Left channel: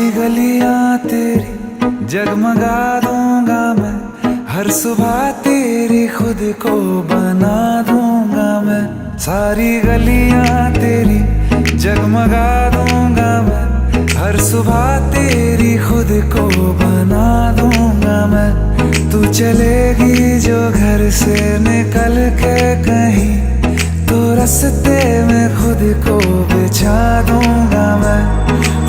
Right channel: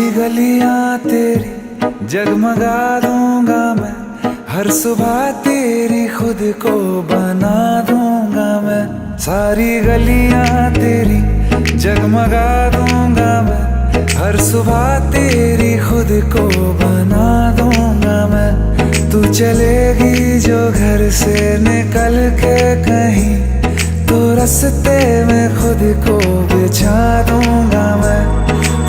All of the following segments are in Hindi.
सारी गलियां तेरी जगमगा दूंगा मैं, हर सुबह तेरी खुद को बना दूंगा मैं। सारी गलियां तेरी जगमगा दूंगा मैं, हर सुबह तेरी खुद को बना दूंगा मैं। तू चलेगी जो घर से निकल के कहीं, तो रास्ते में खुद को बिछा दूंगा मैं।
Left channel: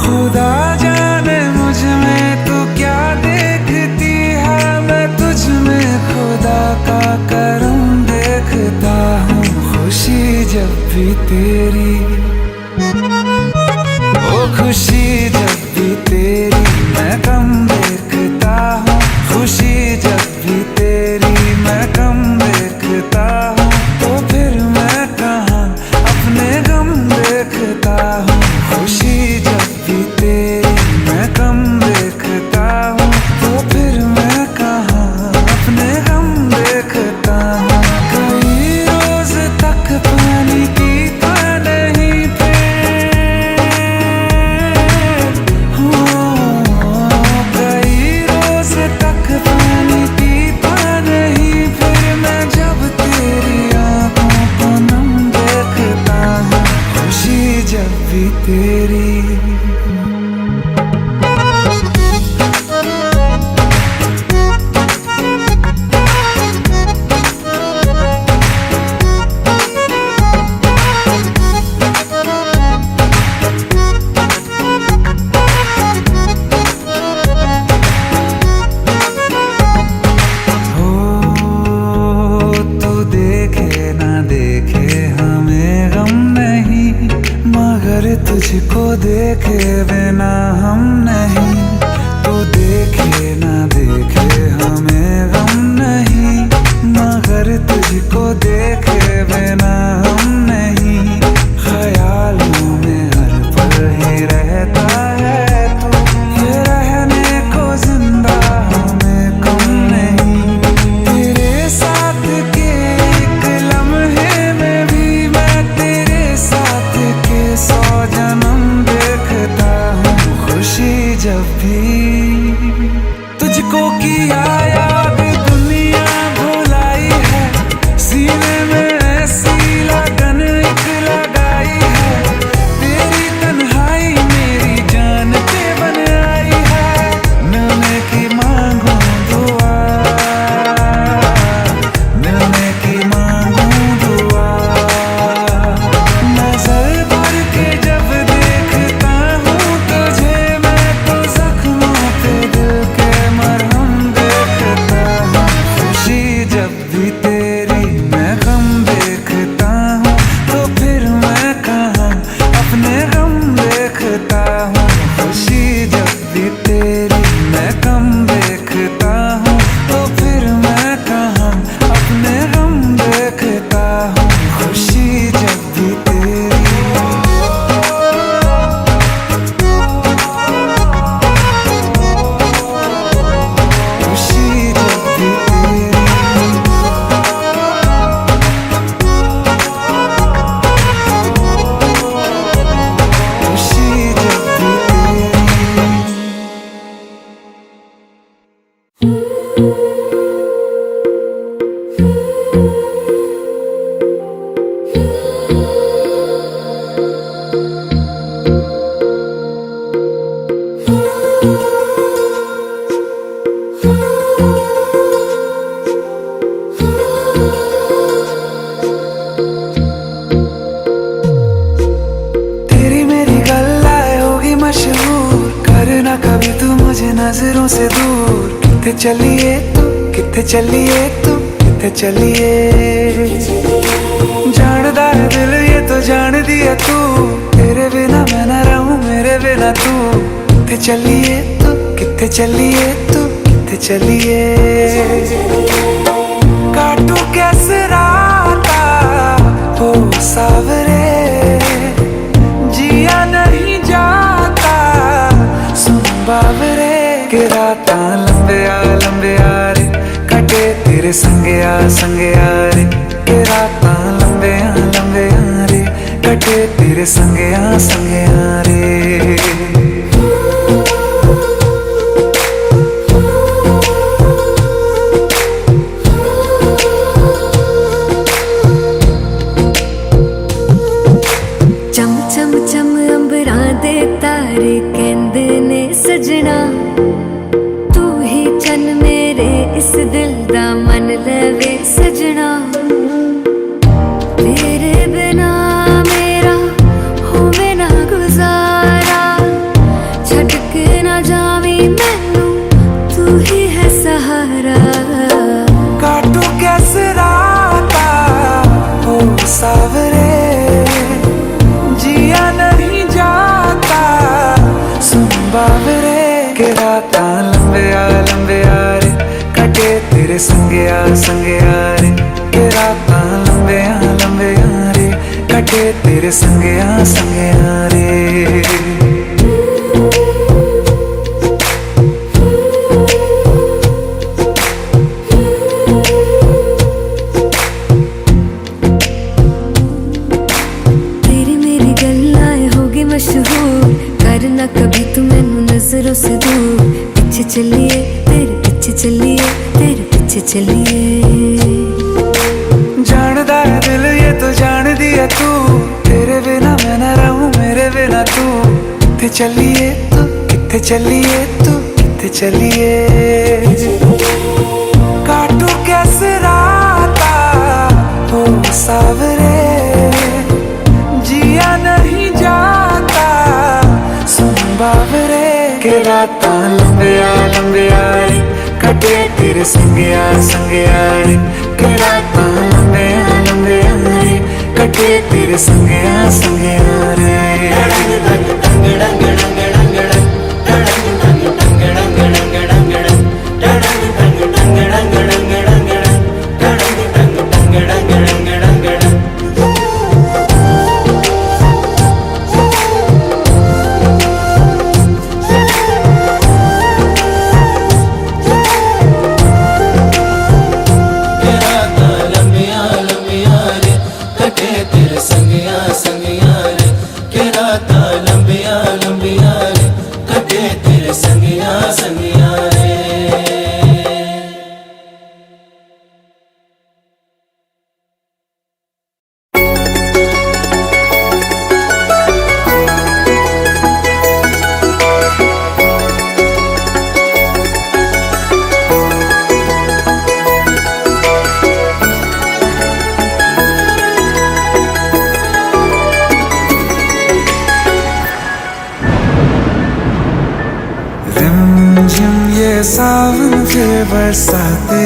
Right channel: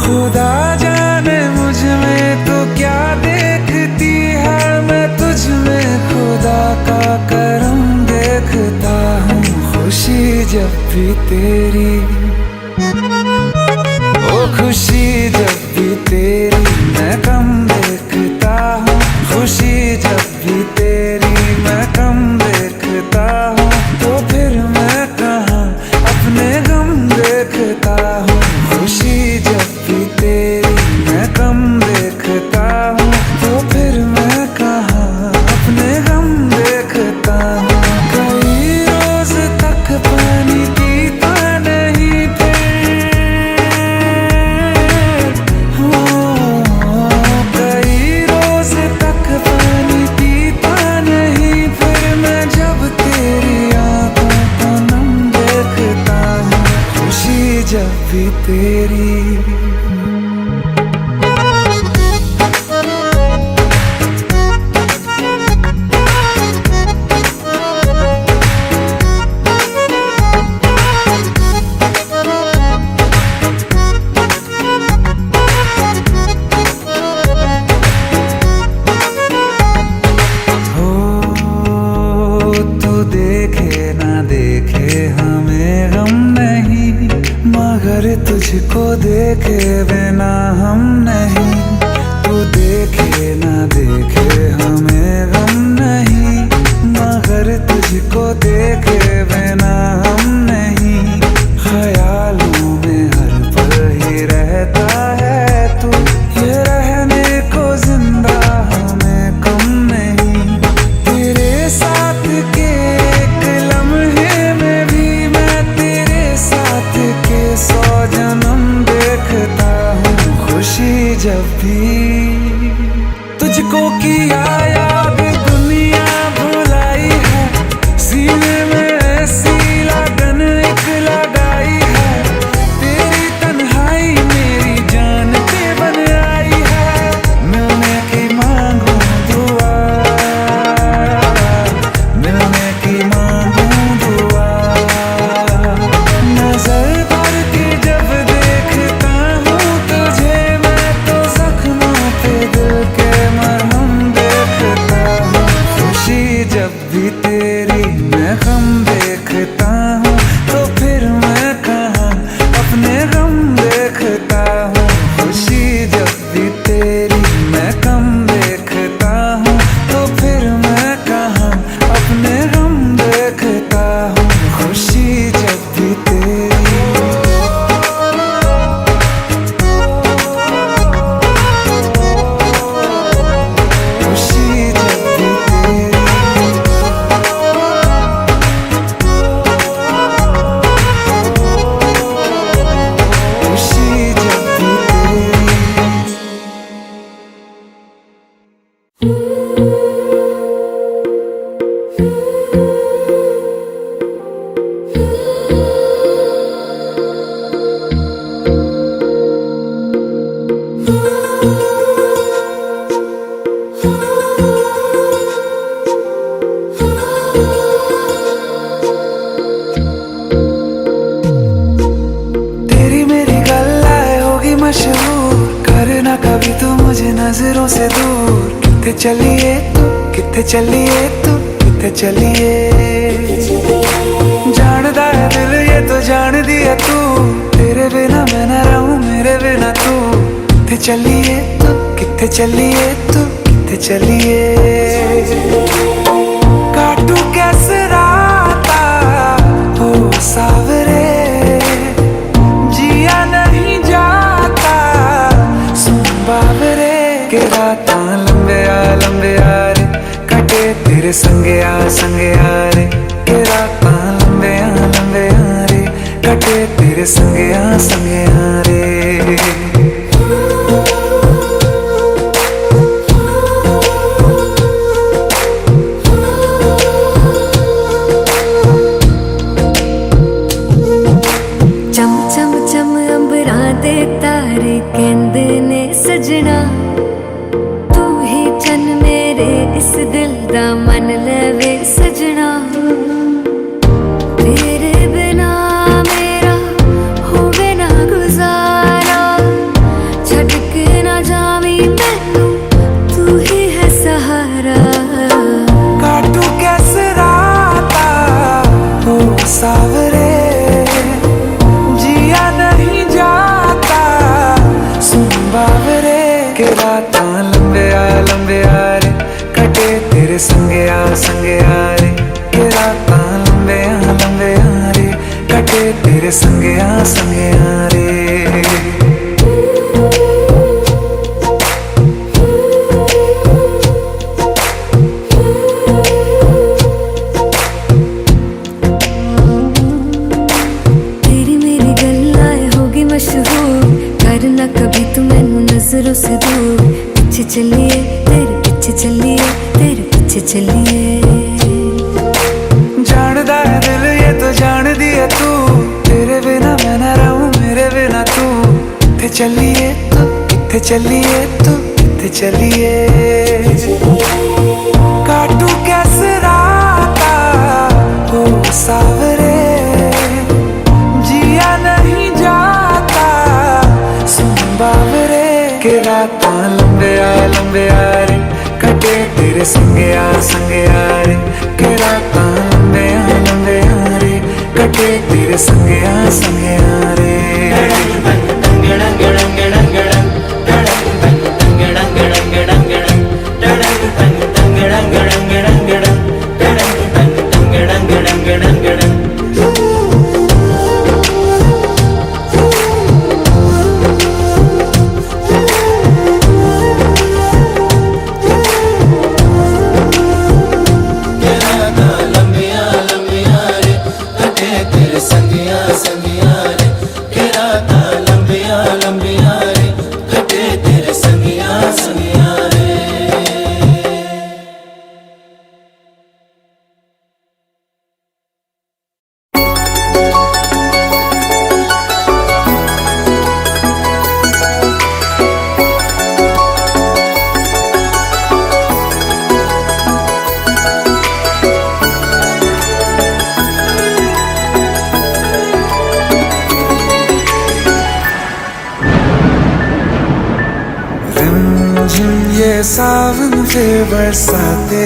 खुदा जाने मुझ में तू क्या देखती है, मैं तुझ में खुदा का करम देखता हूँ। खुशी जब भी तेरी, ओ खुशी जब भी तेरी मैं कम देखता हूँ। खुशी जब भी तेरी मैं कम देखता हूँ, तो फिर मैं कहाँ अपने गम देखता हूँ। खुशी जब भी तेरी मैं कम देखता हूँ, तो फिर मैं कहाँ अपने गम देखता हूँ। कई रोज तक पानी पीता नहीं फिर, कई रोज तक पानी पीता नहीं फिर, मैं जब तेरी आंखों को नम देखता हूँ। खुशी जब भी तेरी। देखे ना देखे हमें गम नहीं, मगर तुझको देखे बिना हम नहीं। तू देखे ना देखे हमें गम नहीं, मगर तुझको देखे बिना हम नहीं। ख्यालों में हर पल ही रहता है तू, ये रहने को जिंदा हमें कम नहीं। तेरे साथ के सौ जन्म देखता हूँ। खुशी जब भी तुझको किया याद दुनिया भुलाई है, सीने में ऐसी लगन एक लगाई है। तेरी तन्हाई मेरी जान पे बन आई है, मिलने की मांगू दुआ, मिलने की मांगू दुआ। नजर जब देखता हूँ तुझे मैं, तो जख्मों पे दिल के मरहम देखता हूँ। खुशी जब भी तेरी मैं गम देखता हूँ, तो फिर मैं कहाँ अपने गम देखता हूँ। खुशी जब भी तेरी मैं कम देखता हूँ, तो फिर मैं कहाँ अपने गम देखता हूँ। खुशी जब भी तेरी। मशहूर करना कभी तू मुझे नजरों से दूर। किथे चलिए तू, किथे चलिए तू, किथे चलिए। जानदा है दिल ये तो जान दिया तू, तेरे बिना मैं न रहूं मेरे बिना तू। किथे चलिए तू, किथे चलिए तू, किथे चलिए। काटू कैसे राता हो सावरे, जिया नहीं जाता सुन बाबरे। के राता लंबे आ रे, कटे तेरे संगे आ रे। के राता लंबे आ रे, कटे तेरे संगे आ रे। तारे कहंदे ने सजना, तू ही चन मेरे इस दिल दा मन लवे सजना। तेरे बिना मेरा होवे ना गुजारा, छड़ के ना जावी मैनू तू ही है सहारा। काटू कैसे राता हो सावरे, जिया नहीं जाता सुन बावरे। के राता लंबे आ रे, कटे तेरे संगे आ रे। के राता लंबे आ रे, कटे तेरे संगे आ रे। मशहूर करना कभी तू मैनू नजरों से दूर, पीछे चलिए तेरे पीछे चलिए, तेरे पीछे चलिए। जानदा है दिल ये तो जान दिया तू, तेरे बिना मैं ना रहूं मेरे बिना तू। किथे चलिए तू, किथे चलिए तू, किथे चलिए। काटू कैसे राता हो सावरे, जिया नहीं जाता सुन बावरे। के राता लंबे आ रे, कटे तेरे संगे आ रे। के राता लंबे आ रे, कटे तेरे संगे आ रे। रिमझिम ये सावन फिर बरसाते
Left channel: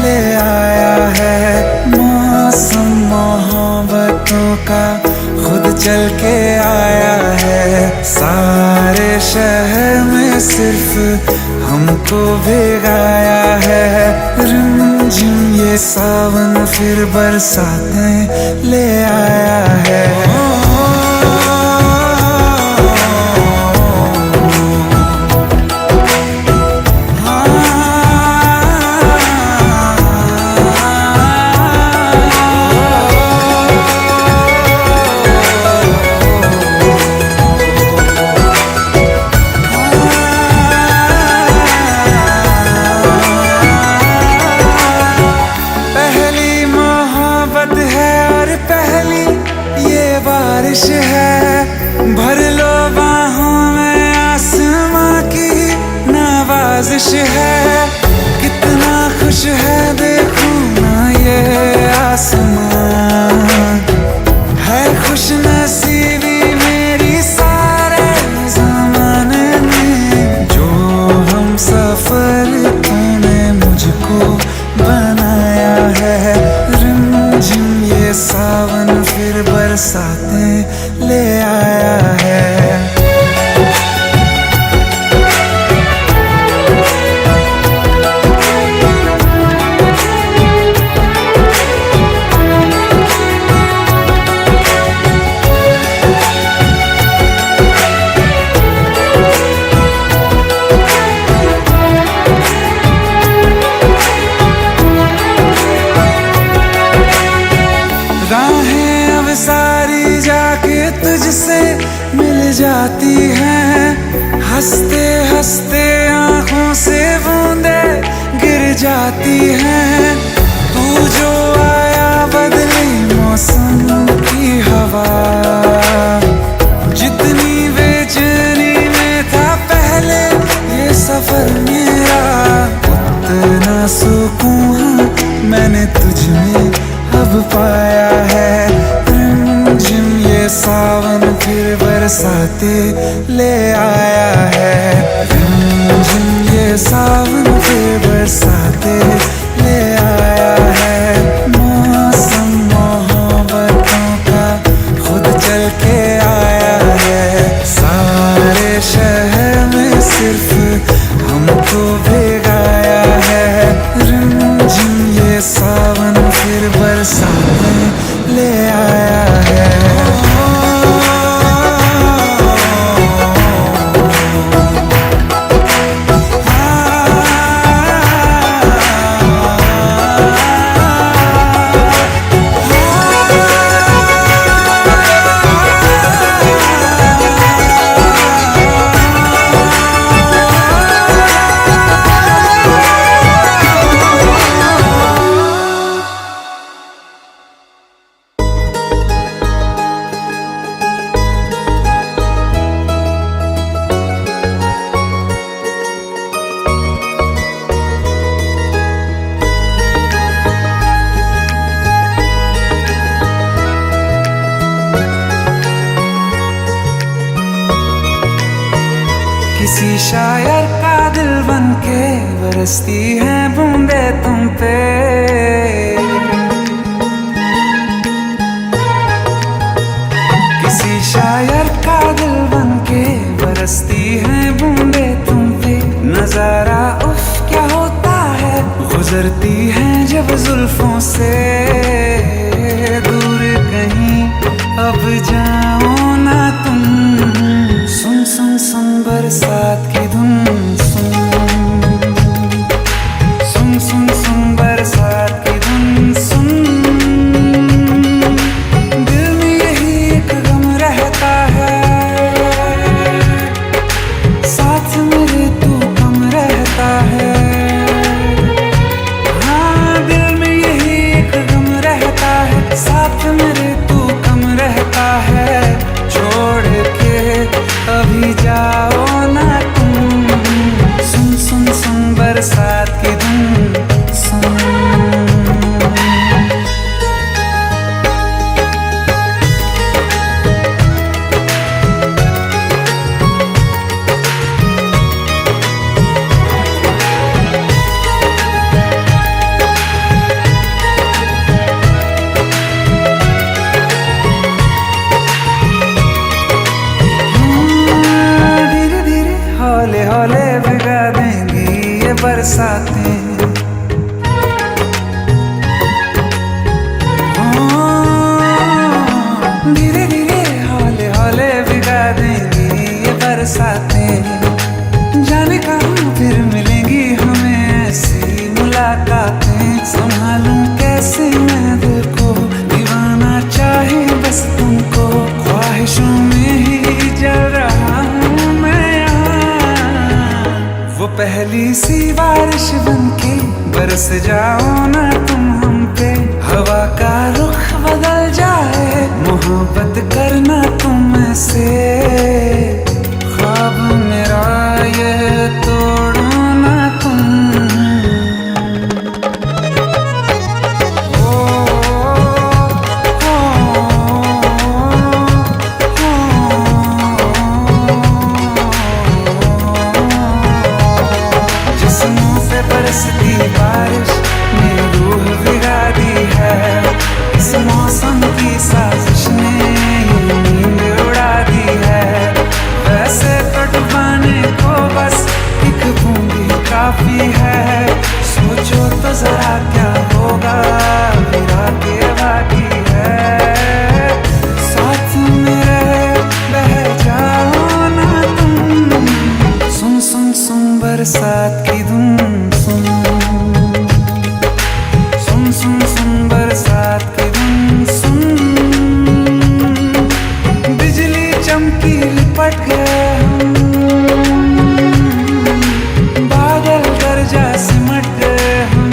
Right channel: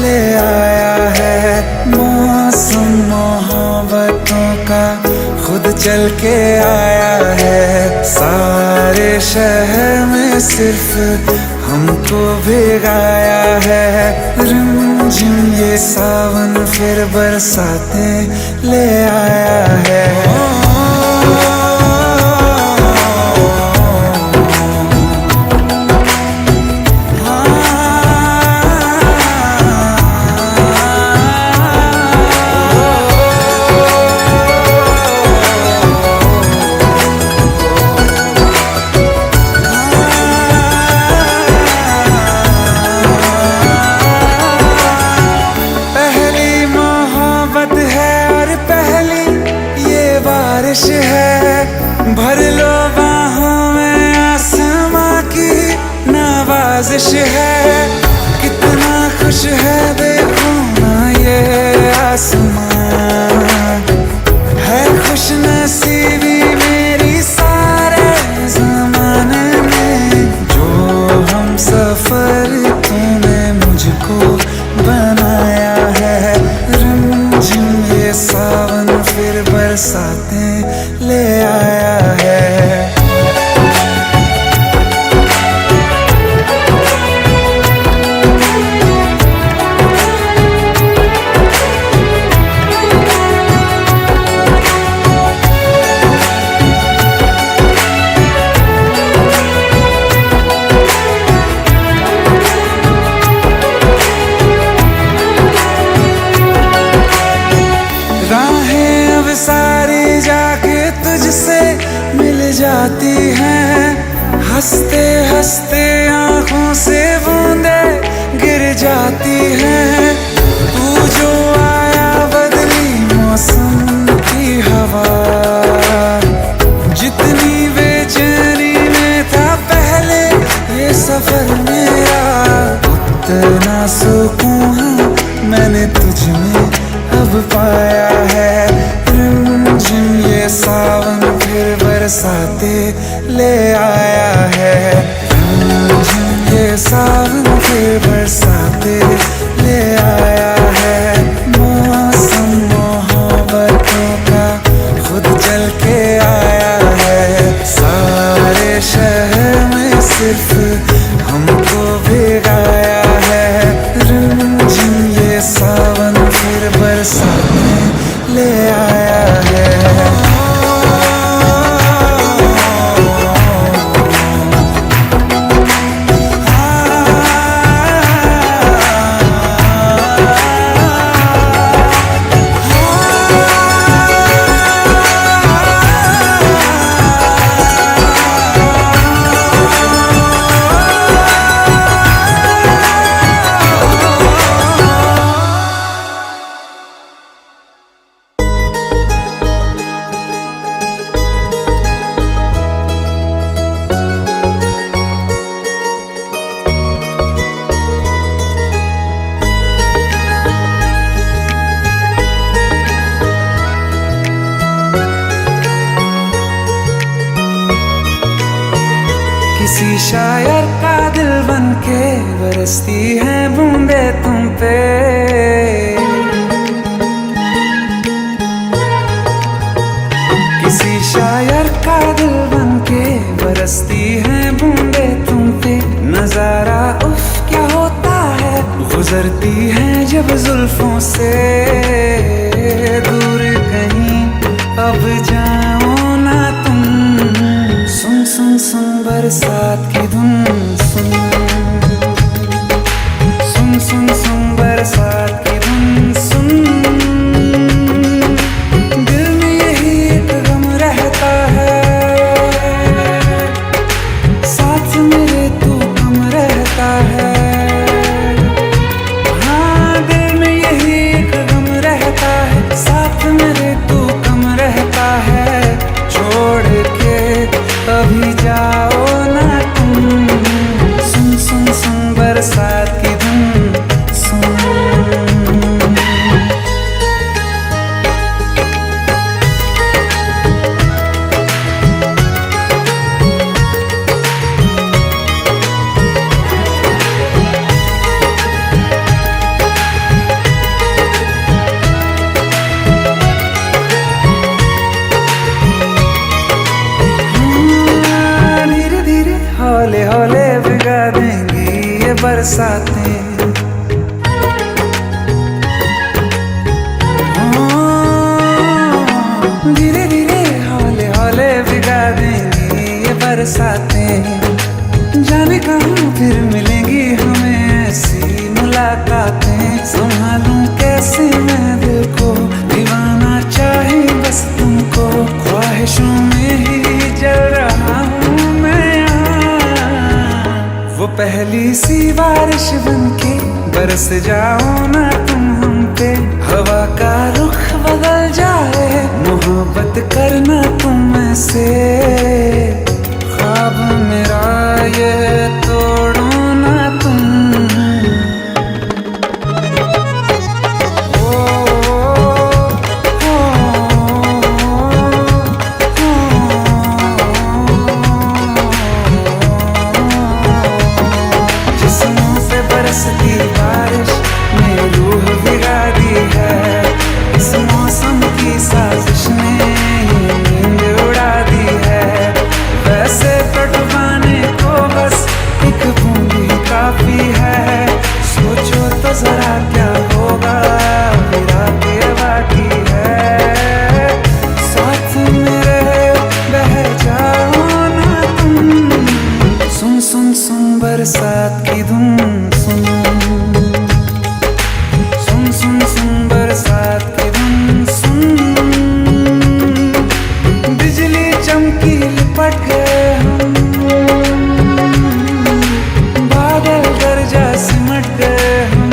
ले आया है, मौसम मोहब्बतों का खुद चल के आया है। सारे शहर में सिर्फ हमको भिगाया है। रिमझिम ये सावन फिर बरसाते ले आया है। बारिश है भर लो बाहों में, आसमां की नवाजिश है। कितना खुश है देखो ना ये आसमां, है खुश नसीबी मेरी सारे ज़माने में। जो हम सफर तूने मुझको बनाया है। रिमझिम ये सावन फिर बरसाते ले आया है। राहें अब सारी जाके तुझसे मिल जाती हैं, हंसते हंसते आंखों से बूंदे गिर जाती हैं। तू जो आया बदली मौसम की हवा, जितनी बेचैनी सफर मेरा, उतना सुकून हाँ मैंने तुझ में अब पाया है। रिमझिम ये सावन फिर बरसाते ले आया है। रिमझिम ये सावन फिर बरसाते ले आया है। मौसम मोहब्बतों का खुद चल के आया है। सारे शहर में सिर्फ हमको भिगाया है। रिमझिम ये सावन फिर बरसाने ले आया है। किसी शायर का दिल बनके बरसती है बूंदे तुम पे। किसी शायर का दिल बनके बरसती है बूंदे तुम पे। नजारा उफ क्या होता है, गुजरती है जब जुल्फों से। दूर कहीं अब जाओ ना तुम, सुन सुन सुन बरसात की धुन सुन। सुन सुन सुन बरसात की धुन सुन। दिल में यही एक गम रहता है, साथ मेरे तू कम रहता है। हाँ दिल में यही एक गम रहता है, साथ मेरे तू कम रहता है। छोड़ के अभी जाओ ना तुम, सुन सुन सुन बरसात की धुन सुन। हौले हौले भिगा देंगी ये बरसातें। धीरे धीरे हौले हौले भिगा देंगी ये बरसातें। जाने कहाँ फिर मिलेंगी हमें ऐसी मुलाकातें। संभालूं कैसे मैं दिल को, दीवाना चाहे बस तुमको। ख्वाहिशों में ही जल रहा हूँ मैं वो पहली सी बारिश बनके बरस जाओ ना तुम हम पे। हवा का रुख बदल जाए, मोहब्बत करना तुम ऐसे। ख्वाब मेरा ये तोड़ो ना तुम। बरसती बारिश ने रूह भिगा दी है। इस मौसम की साजिश ने ये नींद उड़ा दी है। वैसे तो डुबाने को बस एक बूंदी काफी है। सोचो तो जरा क्या होगा, अभी रात ये बाकी है। साथ मेरे बह जाओ ना तुम, सुन सुन सुन बरसात की धुन सुन। सुन सुन सुन बरसात की धुन सुन। बिजली चमकी लिपट गए हम, बादल गरजा सिमट गए हम।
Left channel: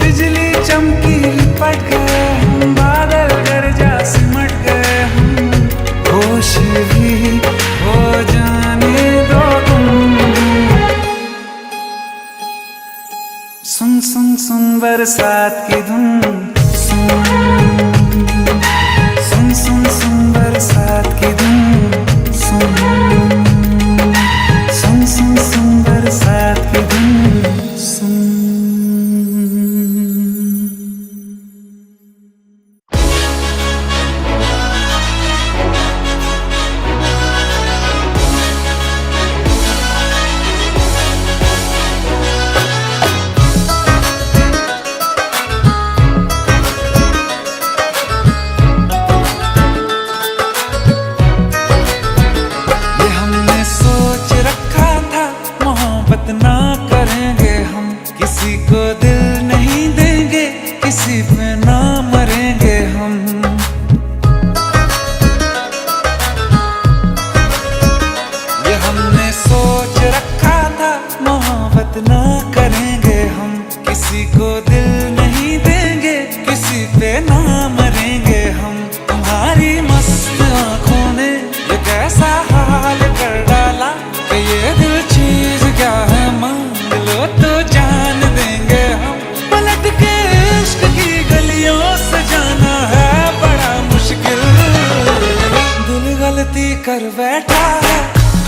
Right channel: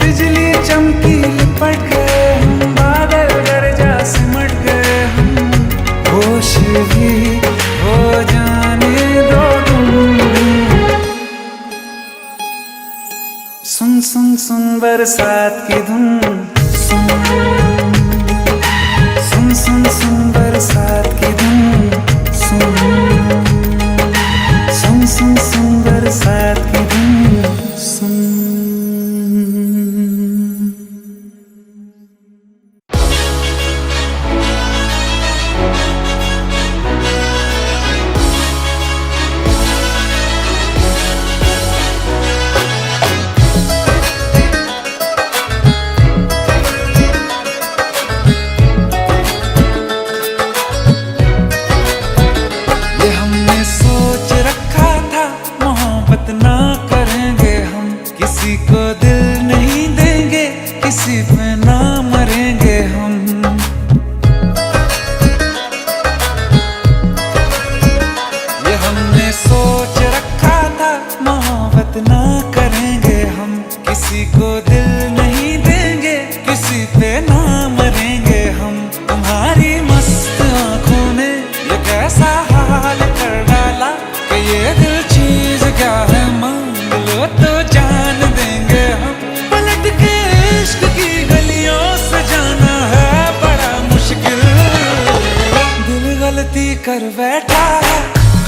बिजली चमकी लिपट गए हम, बादल गरजा सिमट गए हम। होश भी हो जाने सुन सुन सुन बरसात की धुन, सुन सुन सुन सुन बरसात की धुन, सुन सुन सुन सुन बरसात की धुन, सुन। सोच रखा था मोहब्बत ना करेंगे हम, किसी को दिल नहीं देंगे, किसी पे ना मरेंगे हम। ये हमने सोच रखा था मोहब्बत ना करेंगे हम, किसी को दिल नहीं देंगे, किसी पे ना मरेंगे हम। तुम्हारी मस्त आंखों ने ये कैसा हाल कर डाला कि ये दिल चीज क्या है, मांग लो तो जान देंगे हम। पलट के इश्क की गलियों से जाना है बड़ा मुश्किल। दिल गलती कर बैठा है,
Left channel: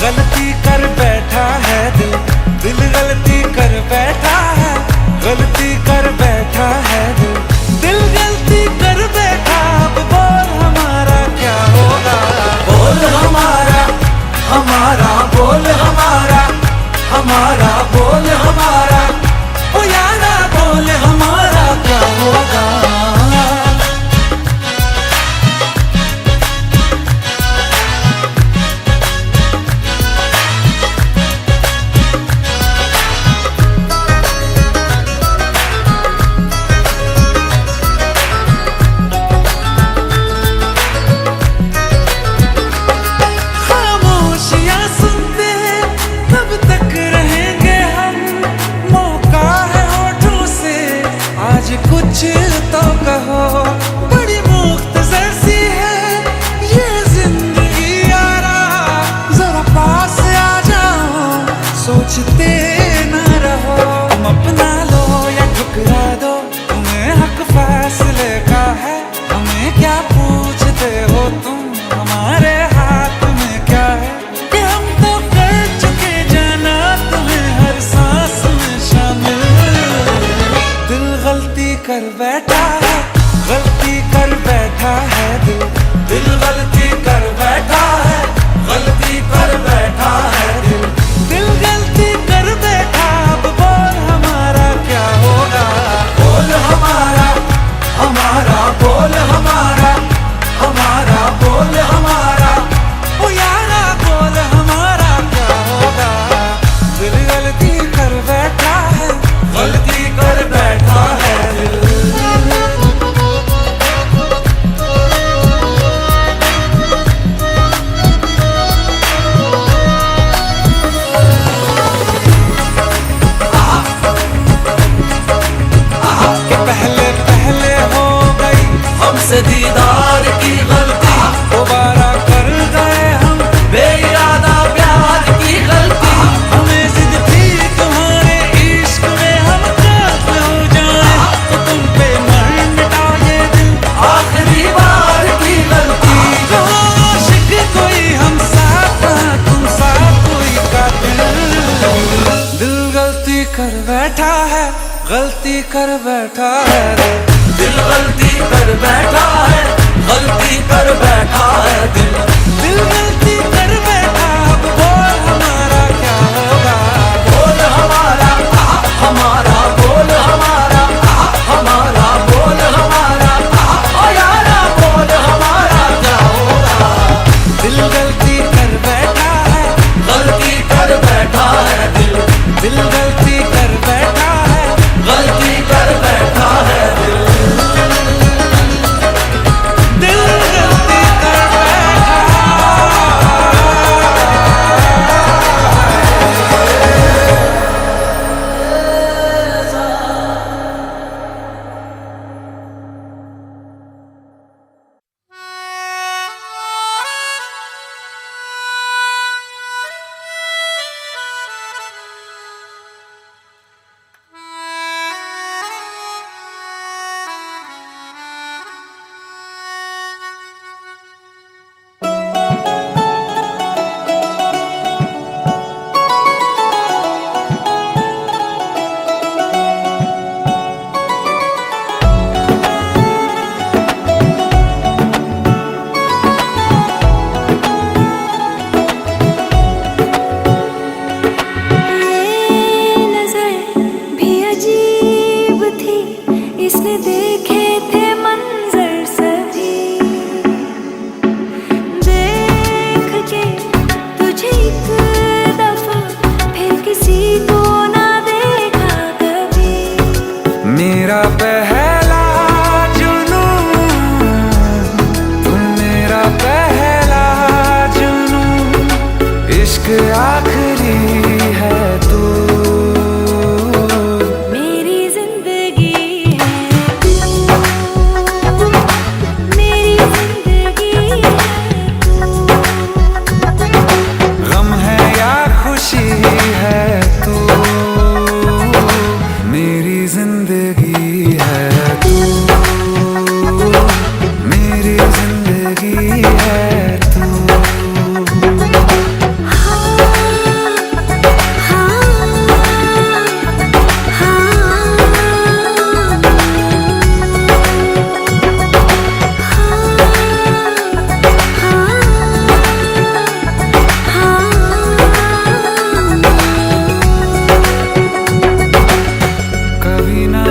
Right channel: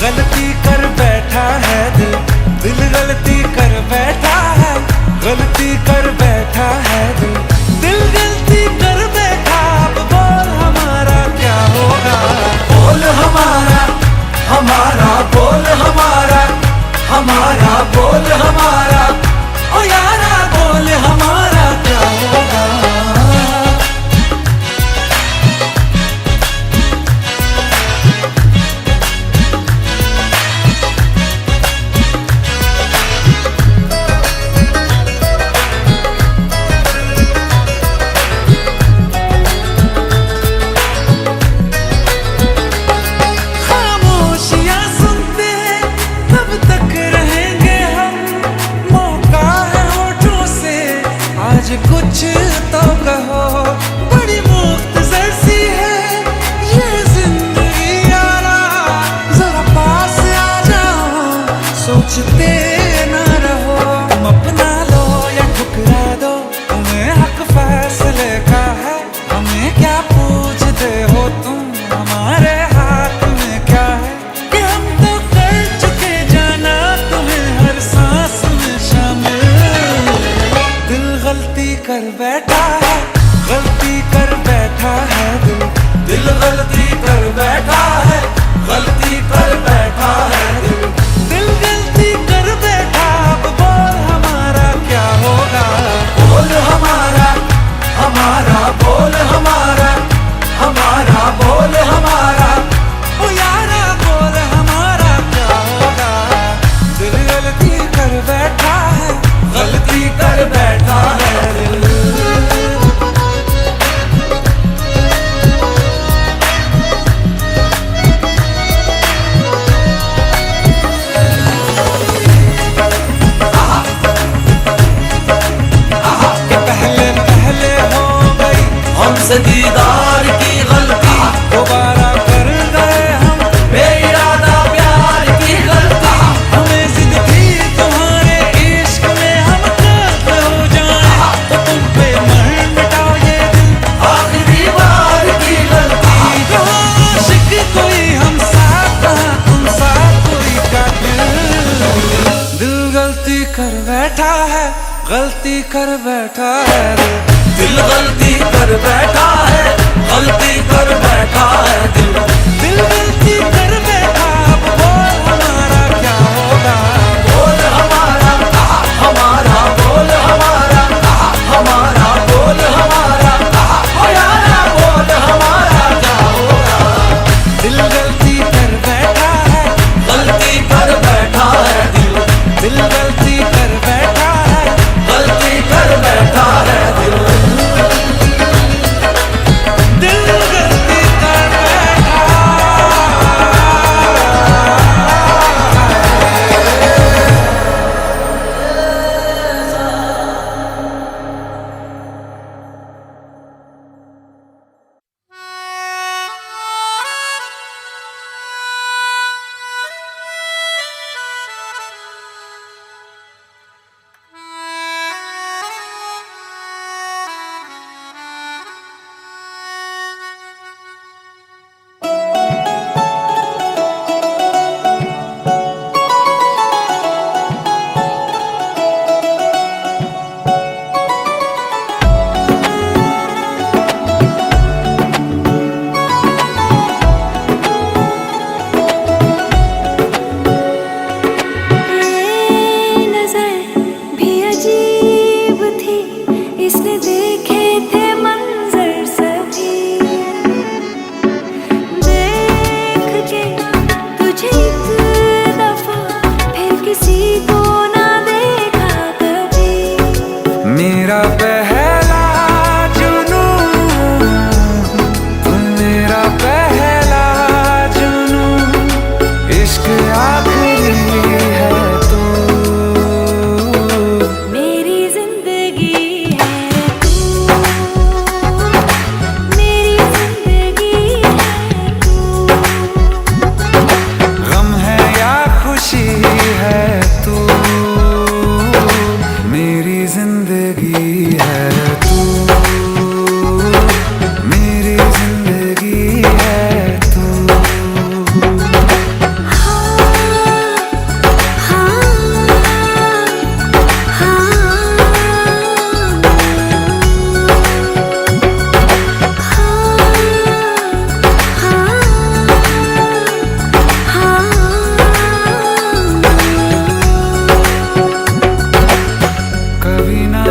गलती कर बैठा है दिल, दिल गलती कर बैठा है, गलती कर बैठा है दिल, दिल गलती कर बैठा। अब बोल हमारा क्या होगा, बोल हमारा, हमारा बोल हमारा, हमारा बोल हमारा, ओ यारा बोल हमारा क्या होगा। कुछ तो कहो, बड़ी मुख्तसर सी है ये जिंदगी यारा, जरा पास आ जाओ, सोचते ना रहो। तुम अपना लो या ठुकरा दो, तुम्हें हक फैसले का है, हमें क्या पूछते हो तुम, हमारे हाथ में क्या है कि हम तो कर चुके जाना तुम्हें हर सांस में शामिल। दिल गलती कर बैठा है, गलती कर बैठा है दिल, दिल गलती कर बैठा है, गलती कर बैठा है दिल, दिल गलती कर बैठा। अब बोल हमारा क्या होगा, बोल हमारा, हमारा बोल हमारा, हमारा बोल हमारा, ओ यारा बोल हमारा क्या होगा। दिल गलती कर बैठा है, गलती कर बैठा है दिल। कि पहले पहले हो गई हमसे दीदार की गलती, दोबारा कर गए हम बेइरादा प्यार की गलती। हमें जिद थी तुम्हारे इश्क में हम कातिल हो जाएं, तो तुम पे मर मिटाओ ये दिल, आखिरी बार की गलती। कहाँ आशिक कोई हम साथ, कहाँ तुम साथ कोई कातिल। दिल गलती कर बैठा है, गलती कर बैठा है दिल, दिल गलती कर बैठा है, गलती कर बैठा है दिल, दिल गलती कर बैठा। अब बोल हमारा क्या होगा, बोल हमारा, हमारा बोल हमारा, हमारा बोल हमारा, ओ यारा बोल हमारा क्या होगा। दिल गलती कर बैठा है, गलती कर बैठा है दिल, दिल गलती कर बैठा है, गलती कर बैठा है दिल। किसने देखे थे मंजर सभी, देख के तुझे एक दफा फिर किसी को ना देखा कभी। मेरा पहला जुनून, तुम मेरा पहला जुनून, इश्क आखिरी है तू।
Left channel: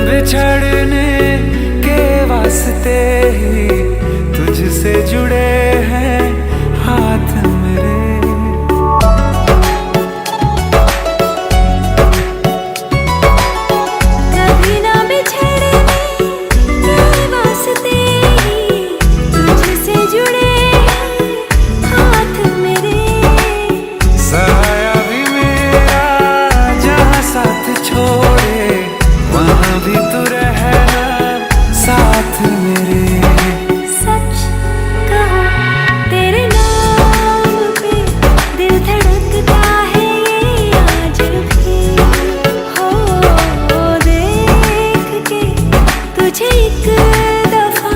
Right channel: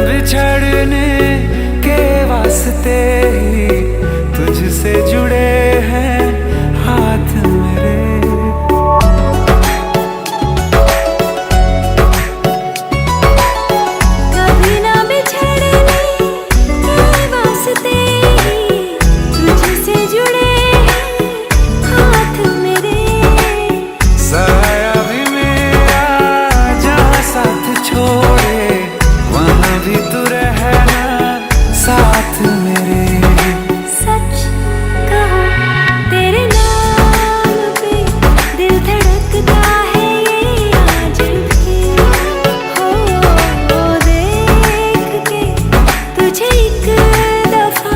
बिछड़ने के वास्ते ही तुझसे जुड़े हैं हाथ मेरे। कभी ना बिछड़ने के वास्ते ही तुझसे जुड़े हैं हाथ मेरे। साया भी मेरा जहाँ साथ छोड़े वहाँ भी तू रहना साथ मेरे। सच कहो तेरे नाम पे दिल धड़कता है ये आज भी। हो देख के तुझे एक दफा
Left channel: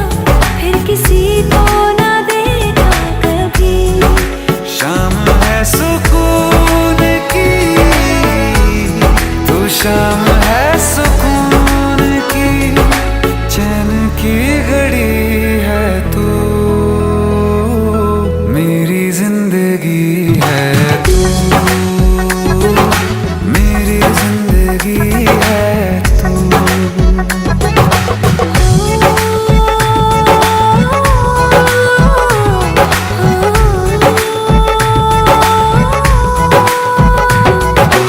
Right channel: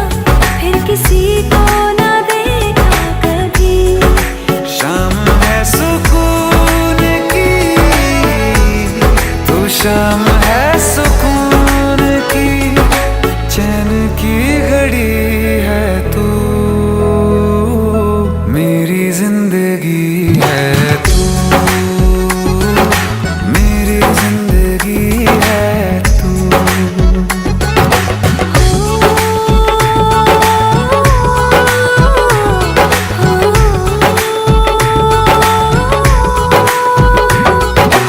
फिर किसी को ना देखा कभी। शाम है सुकून की, तू शाम है सुकून की, चैन की घड़ी है तू। मेरी जिंदगी है तू, मेरी जिंदगी है तू।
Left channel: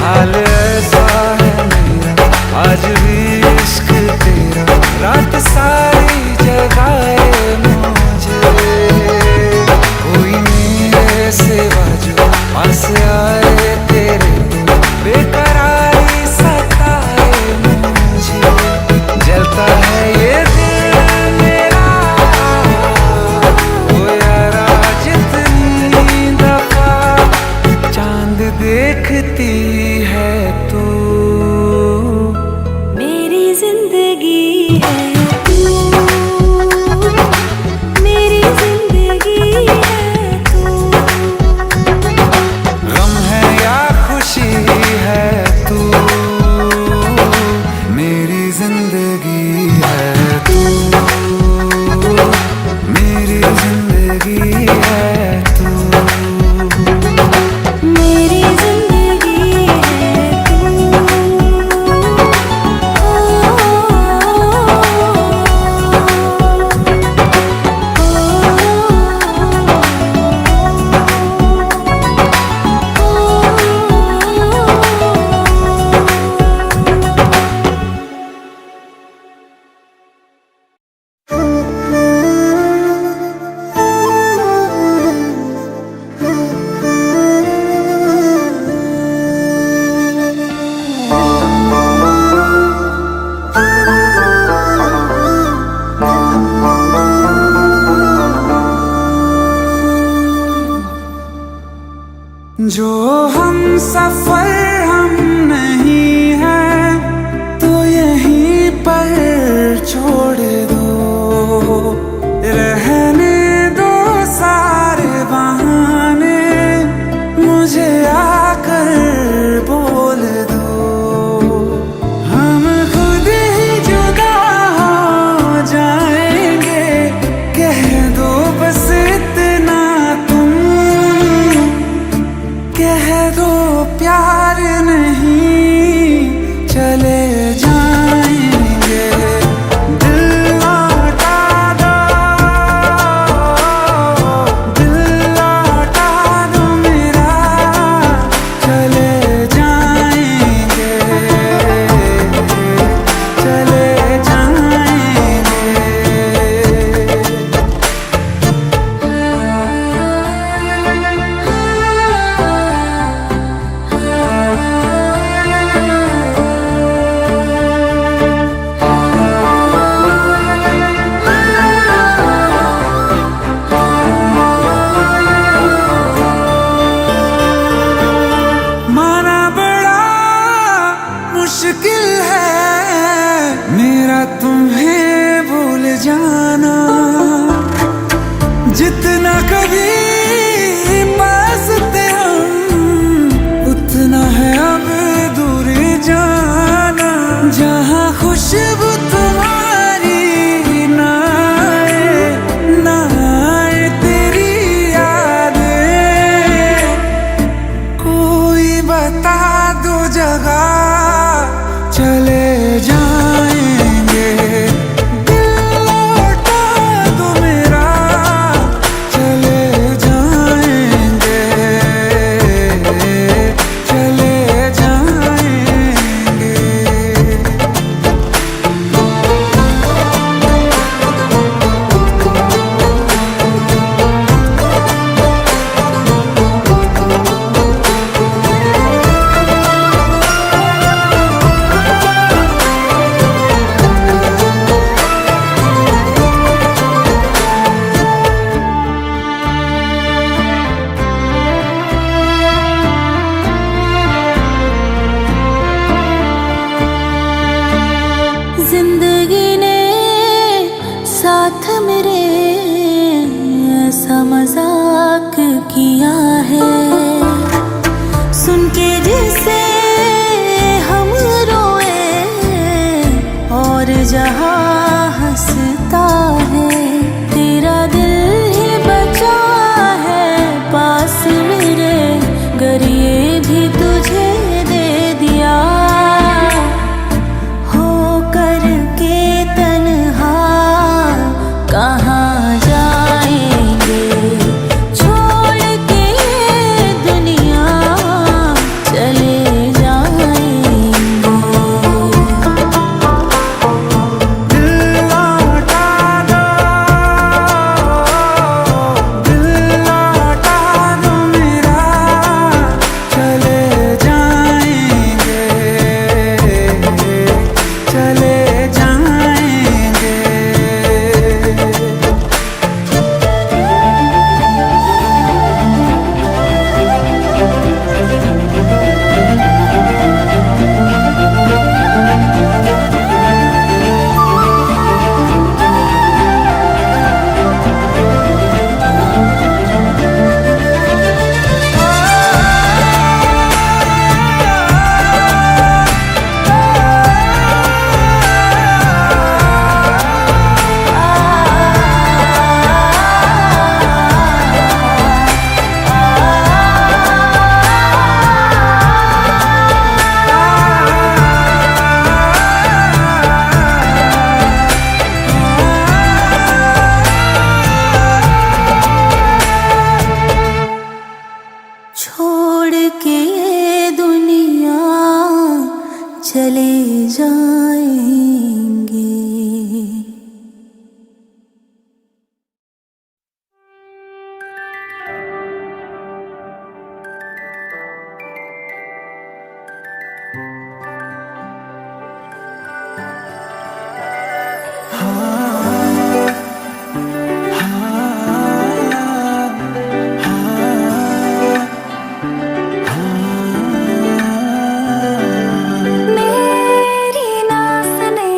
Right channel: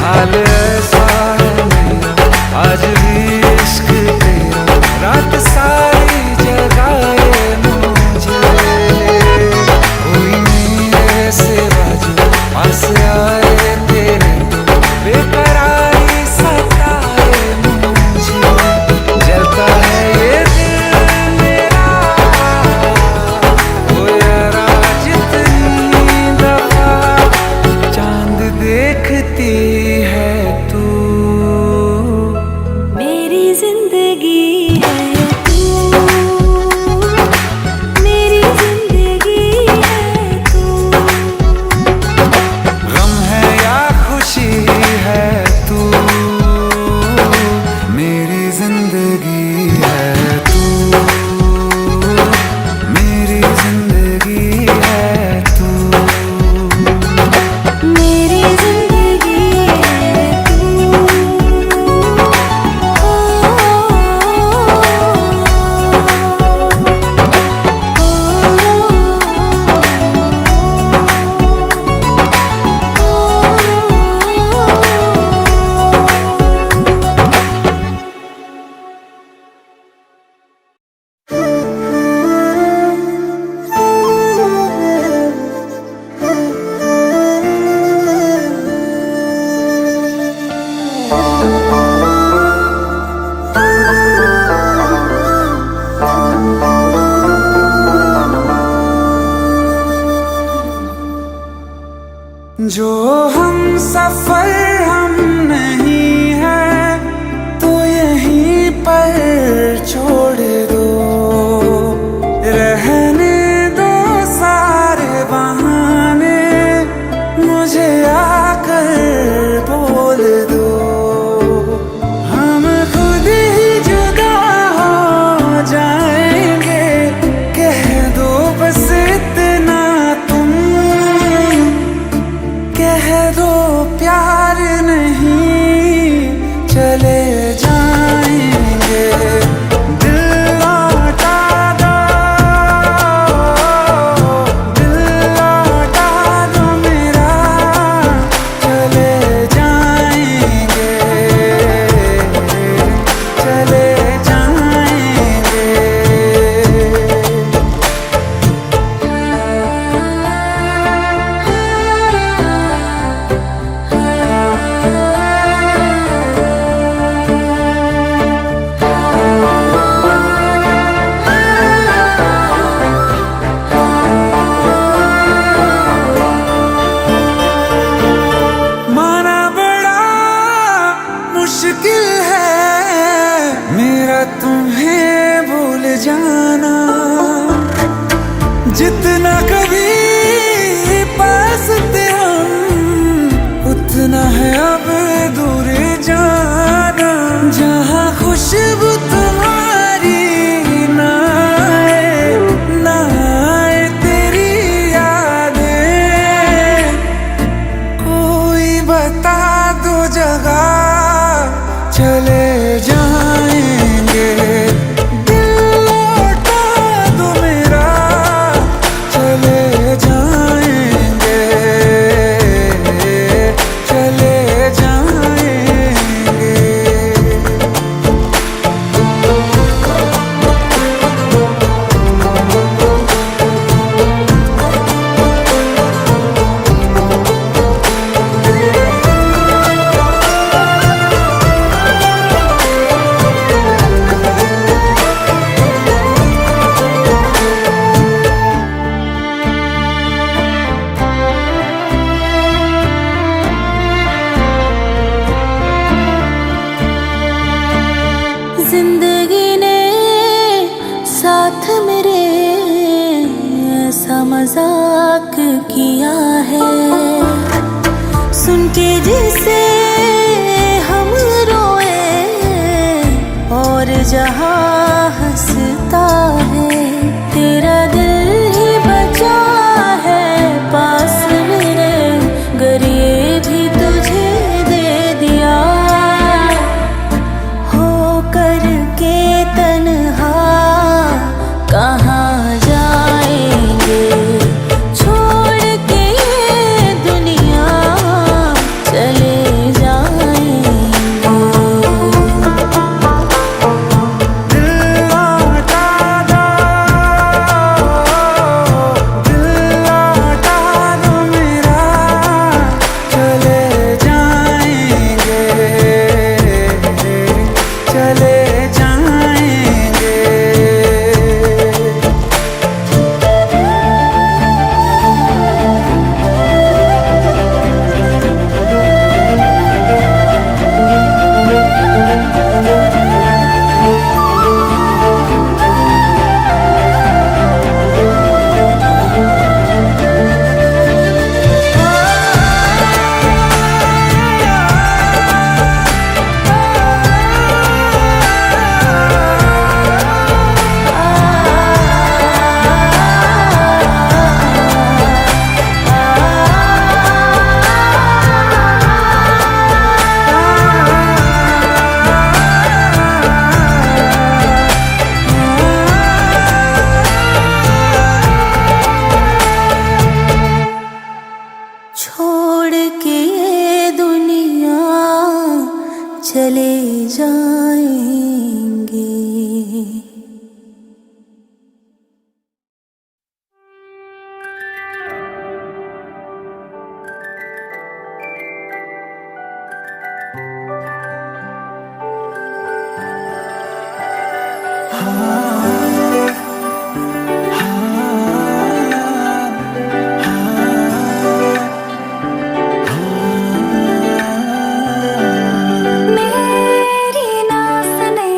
हाल ऐसा है मेरा आज भी इश्क तेरा, रात सारी जगाए मुझे। कोई मेरे सिवा जो पास आए तेरे तो बेकरारी सताए मुझे। जलता है ये दिल मेरा ओ यारा, जितनी दफा चांद देखती है तू। मेरी जिंदगी है तू, मेरी जिंदगी है तू। गम है या खुशी है तू, मेरी जिंदगी है तू, मेरी जिंदगी है तू। मेरी जिंदगी है तू। जो हम सफर हम नहीं है तो यहीं पर छोड़ दो, रहने दो सारे बहाने, मुझे आकर बोल दो। हम खुद ही जुदा हो जाएंगे, कह दो बस इतना तुम, कह दो प्यार नहीं चले जाएंगे। जाना, जितना कभी पास थे हम उतना है अब दूर जाना। जहाँ खुशबू तुम्हारी ना आए तेरी यादें, कोई बता दो जगह चले जाएंगे। दिल लौटा दो मेरा चले जाएंगे, चले जाएंगे। जिंदगी ने साथ मेरे ऐसा मजाक किया है, सुन के जिसे हम रोए और जहां हंसता है। तेरा दिल ही बचा है पास मेरे, गर ये भी तुझे दे दिया। हो करके तन्हा कहाँ जाएंगे, छोड़ के ये दुनिया चले जाएंगे। दिल लौटा दो, दिल लौटा दो मेरा चले जाएंगे, चले जाएंगे। छोड़ के ये दुनिया चले जाएंगे। मेरी ना सुने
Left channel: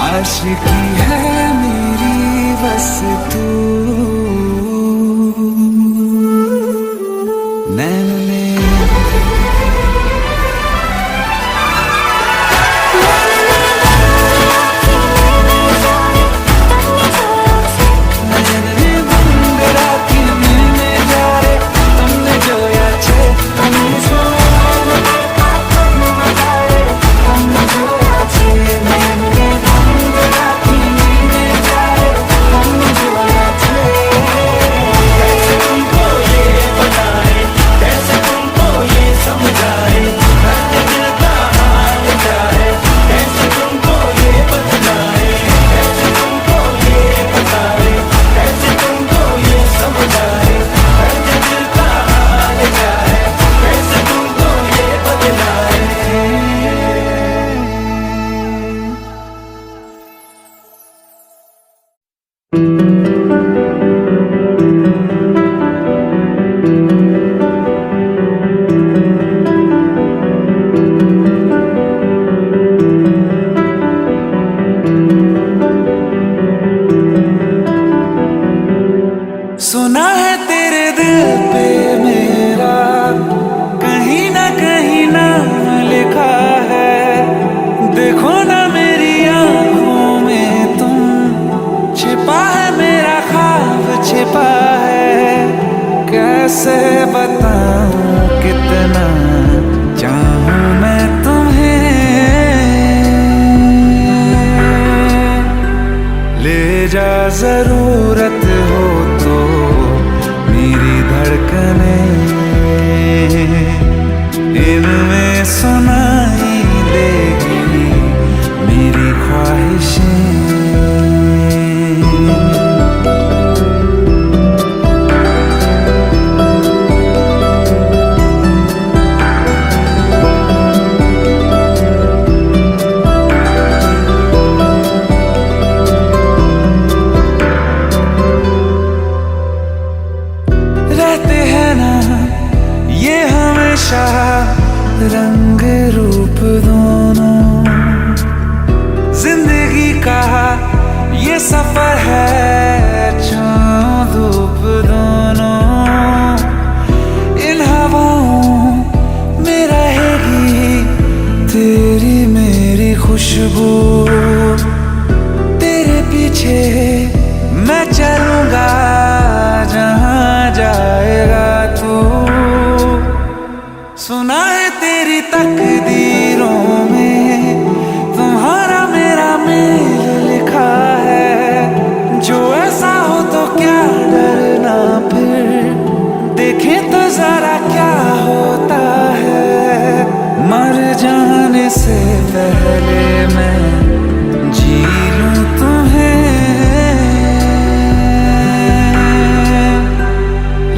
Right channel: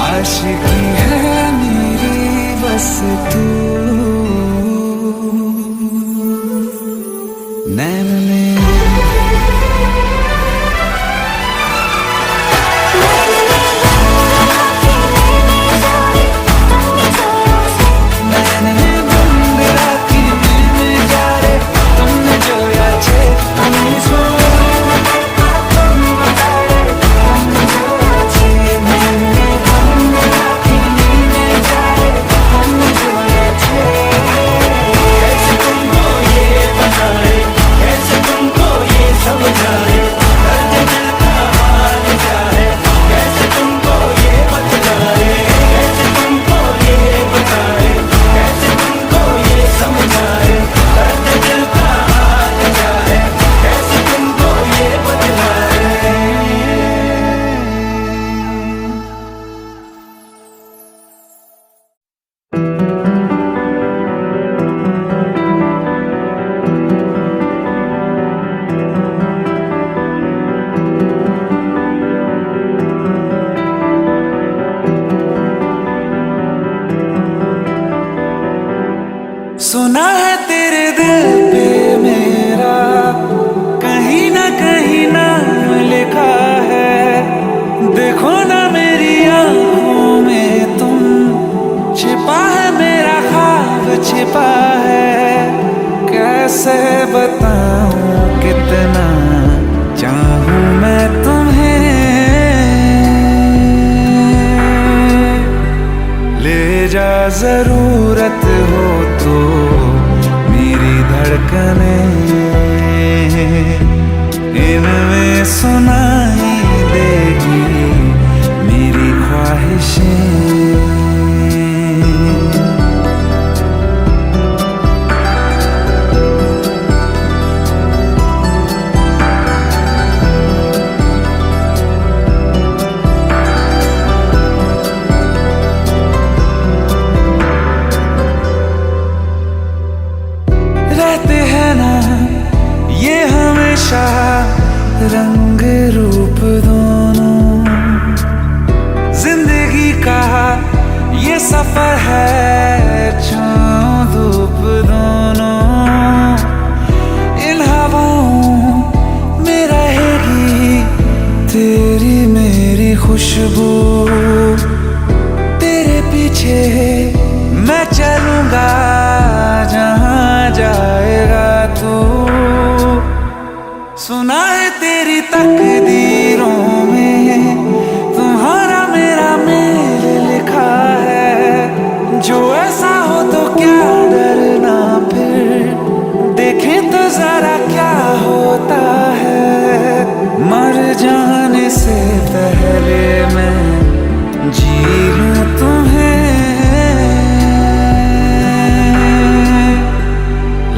आशिकी है मेरी बस तू नैन में सुना है तेरे दिल पे मेरा कहीं ना कहीं नाम लिखा है। देखो ना मेरी आंखों में तुम, छिपा है मेरा ख्वाब छिपा है। कैसे बताऊं कितना चाहूं मैं तुम्हें, ले जा जरूरत हो तो मेरी धड़कने, इनमें सुनाई देगी मेरी ख्वाहिशें। रहते हैं ना ये हमेशा रंग रूप दोनों, जिंदगी का ये सफर है छाँव धूप दोनों। इन हवाओं में रहेगी तेरी मेरी खुशबू, तेरे पीछे मैं चलूंगा जहां जाएगा तू। सुना है तेरी तकदीरों में तुम्हारा मेरा मेल लिखा है। जो ऐसा हो तो क्या डरना, फिर देखें तो जरा क्या होता है। मर जाने से पहले मैं जी लूं तुम्हें,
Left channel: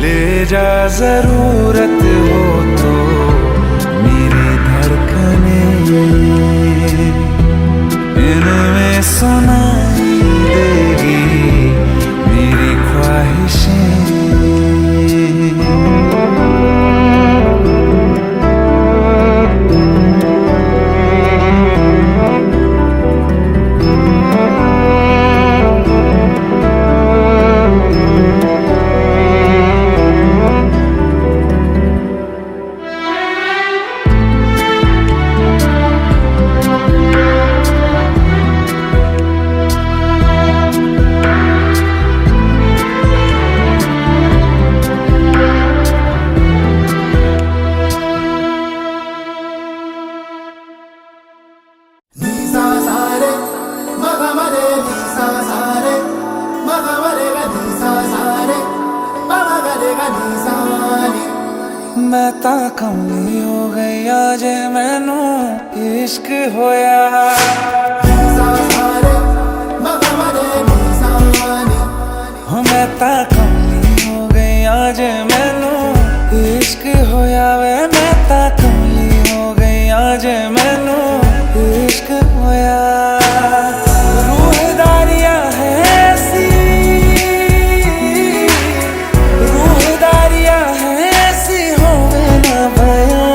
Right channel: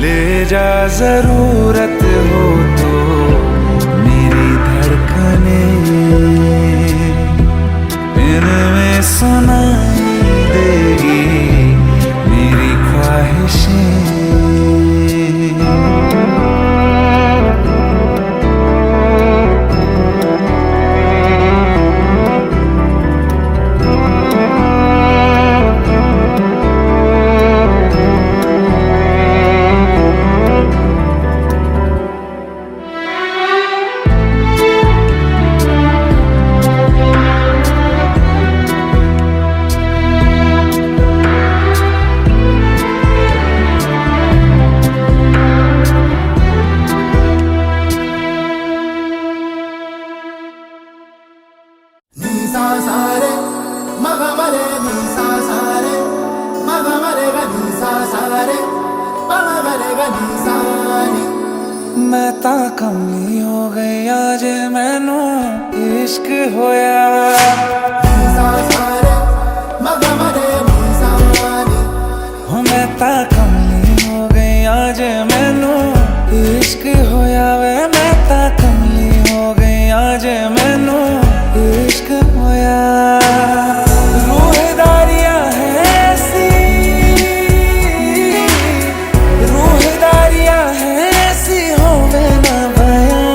ले जा जरूरत हो तो मेरी धड़कने, इनमें सुनाई देगी मेरी ख्वाहिशें। मैं ता कमली हो गई आज मैनू इश्क होया। मैं ता कमली हो गई आज मैनू इश्क होया वे। मैं ता कमली हो गई आज मैनू इश्क होया। रूहदारियां है ऐसी, रूहदारियां है ऐसी होवे ना बयां।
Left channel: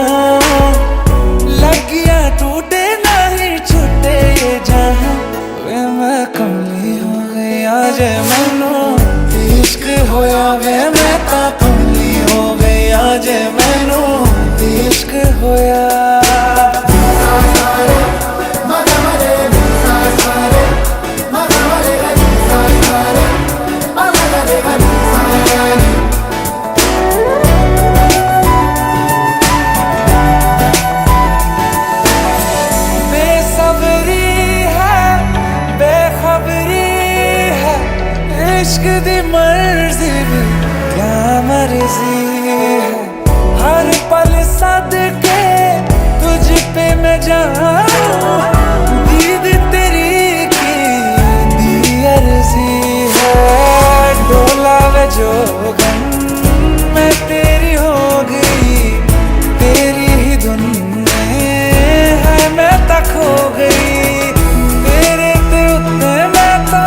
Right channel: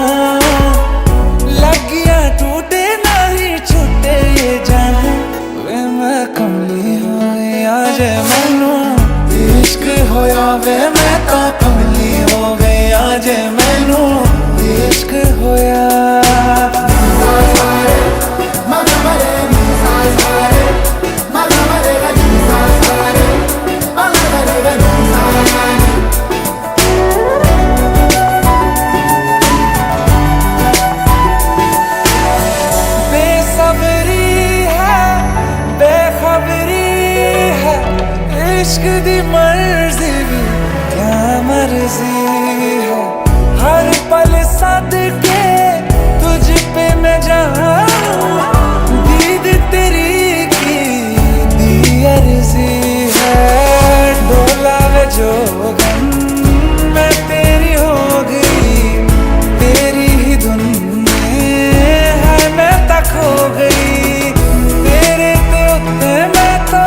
लगिया टूटे नहीं छूटे ये जहां, वे मैं कमली हो गई आज मैनू इश्क होया वे मैं ता कमली हो गई आज मैनू इश्क होया इश्क दी मर्जी भी क्या मर्जी है हर पल सदके तुझ पे मैं जाऊं दीद तेरी की दी अर्जी है डोला वे जोगन मैं तेरी हो गई तेरी ही धुन में है मैं तक हो गई तेरे ते उत्ते मैं तो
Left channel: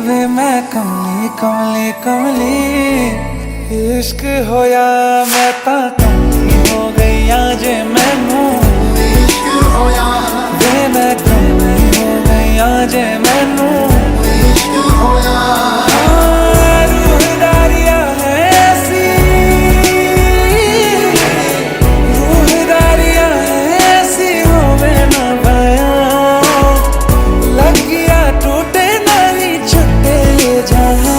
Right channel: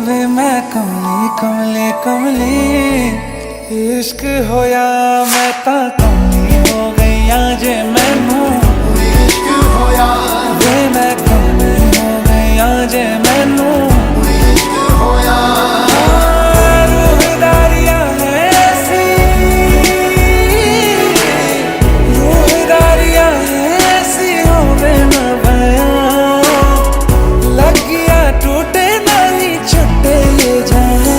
वे मैं कमली कमली कमली इश्क होया मैं ता कमली हो गई आज मैनू इश्क होया वे मैं कमली हो गई आज मैनू इश्क होया रूहदारियां है ऐसी रूहदारियां है ऐसी होवे ना बयां लग गया टूटे छुट्टे ये जहां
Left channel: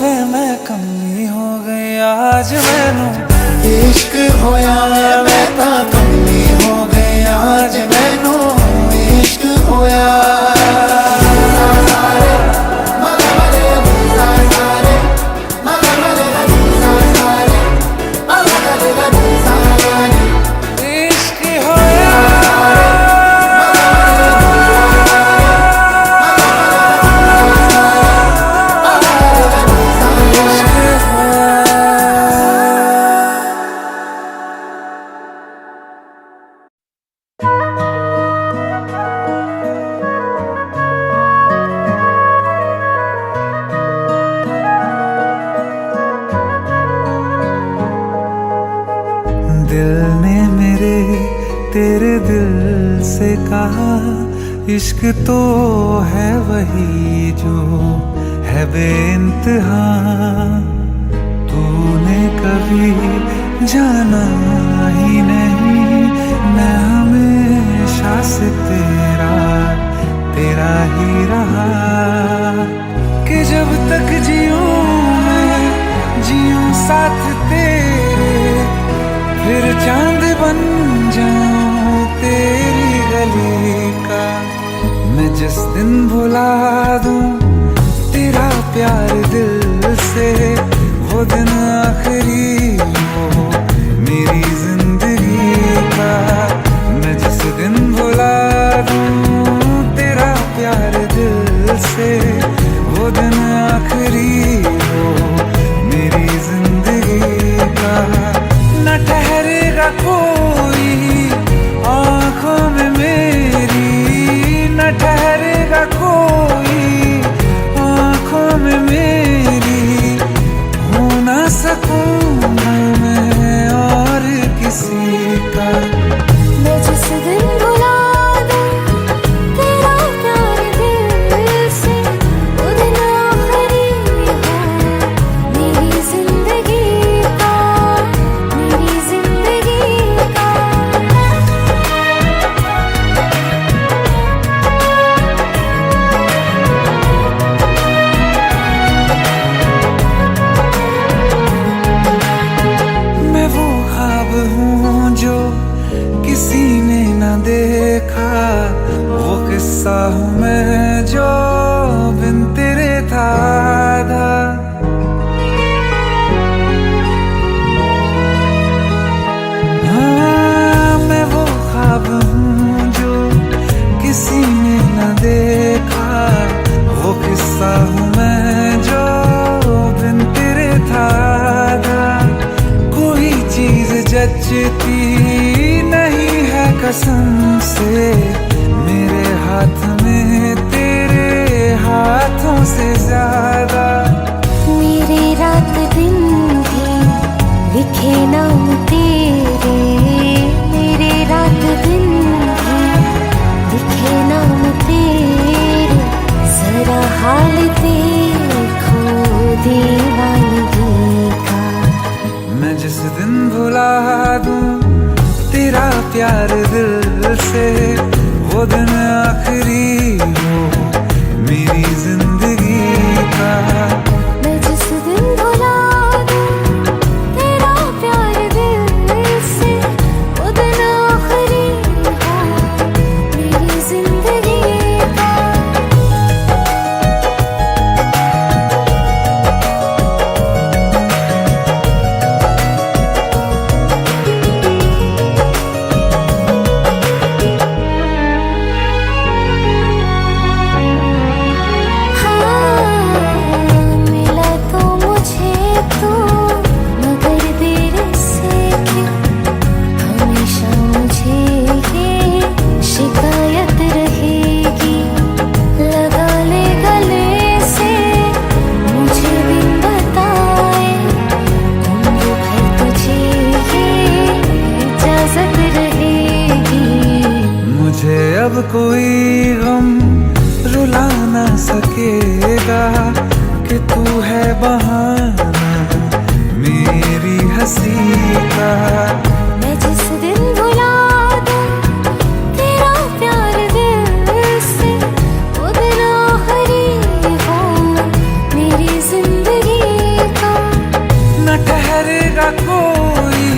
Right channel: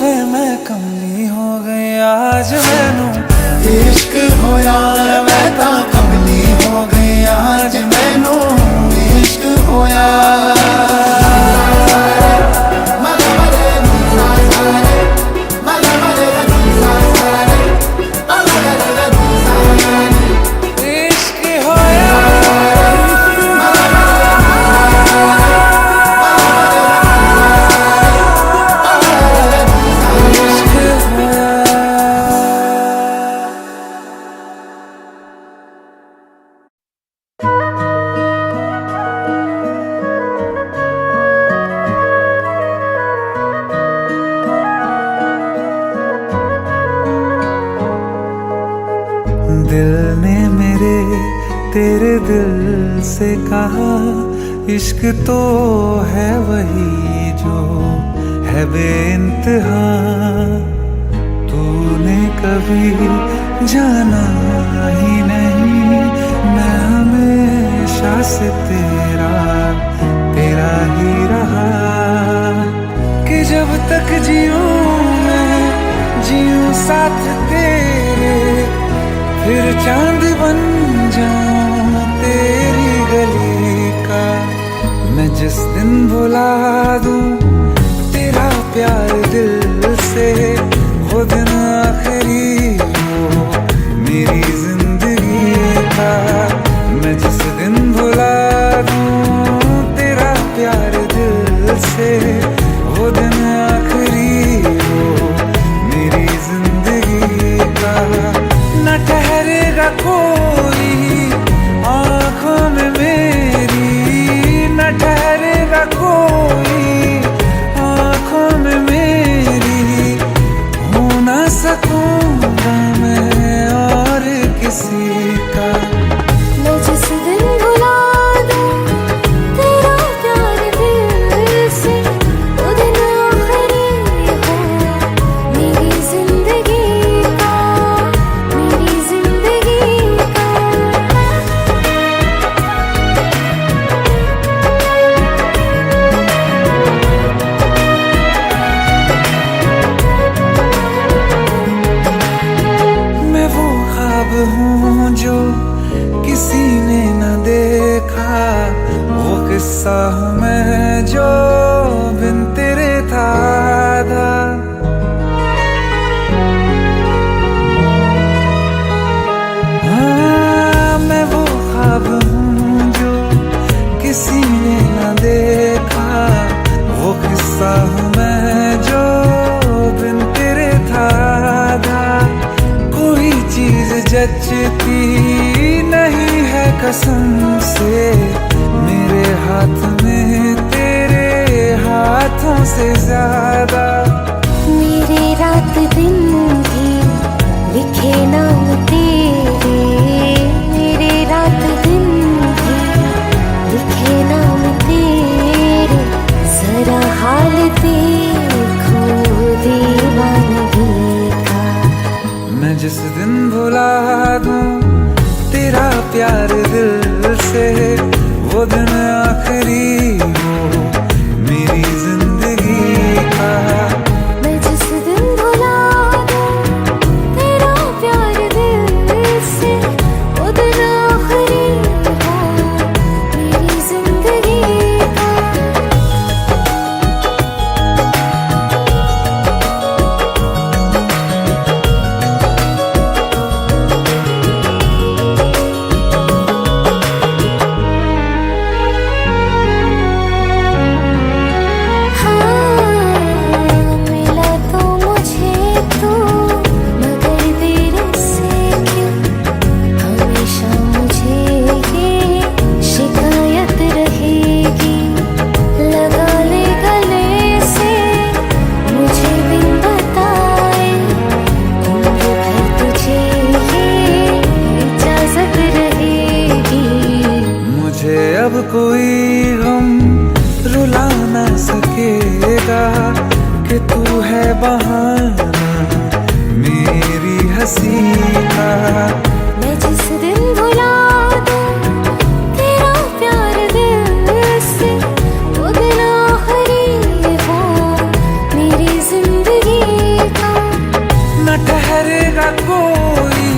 वे मैं कमली हो गई आज मैनू इश्क होया मैं ता कमली हो गई आज मैनू इश्क होया दिल ने मेरे तेरे दिल से कहा इश्क तो है वही जो है बेइंतहा तूने कभी जाना ही नहीं मैं हमेशा से तेरा ही रहा कि जब तक जीऊं मैं जीऊं साथ तेरे फिर चांद बन जाऊं तेरी गली का मैं जिस दिन भुला दूं तेरा प्यार दिल से वो दिन आखिरी हो मेरी जिंदगी का मैं जिस दिन भुला दूं तेरा प्यार दिल से वो दिन आखिरी हो मेरी जिंदगी का न ठहरेगा कोई आँखों में मेरी न ठहरेगा कोई आँखों में मेरी हो ना सकूंगा मैं और किसी का मैं जिस दिन भुला दूं तेरा प्यार दिल से वो दिन आखिरी हो मेरी जिंदगी का मेरी जिंदगी का मैं वो ख्वाब हूँ जो किसी ने न देखा वो किस्सा हूँ मैं जो बिन तेरे था आधा हाँ मैं वो ख्वाब हूँ जो किसी ने न देखा वो किस्सा हूँ मैं जो बिन तेरे था आधा कोई चीज जचती नहीं है कसम से मेरे हाथ में तेरे हाथों से ज्यादा लिखे नाम तेरे मेरे रात दिन भी लिखे नाम तेरे जरा हाल देखो दीवानगी का। मैं जिस दिन भुला दूं तेरा प्यार दिल से वो दिन आखिरी हो मेरी जिंदगी का। मैं जिस दिन भुला दूं तेरा प्यार दिल से वो दिन आखिरी हो मेरी जिंदगी का। शिकायत रहेगी लगा ले गले से मुझे बिन बताए उम्र भर तुझे ये इजाजत रहेगी। मुझे अब कोई गम रुला ना सकेगा कि तू है बहाना मेरी हंसी का। मैं जिस दिन भुला दूं तेरा प्यार दिल से वो दिन आखिरी हो मेरी जिंदगी का। न ठहरेगा कोई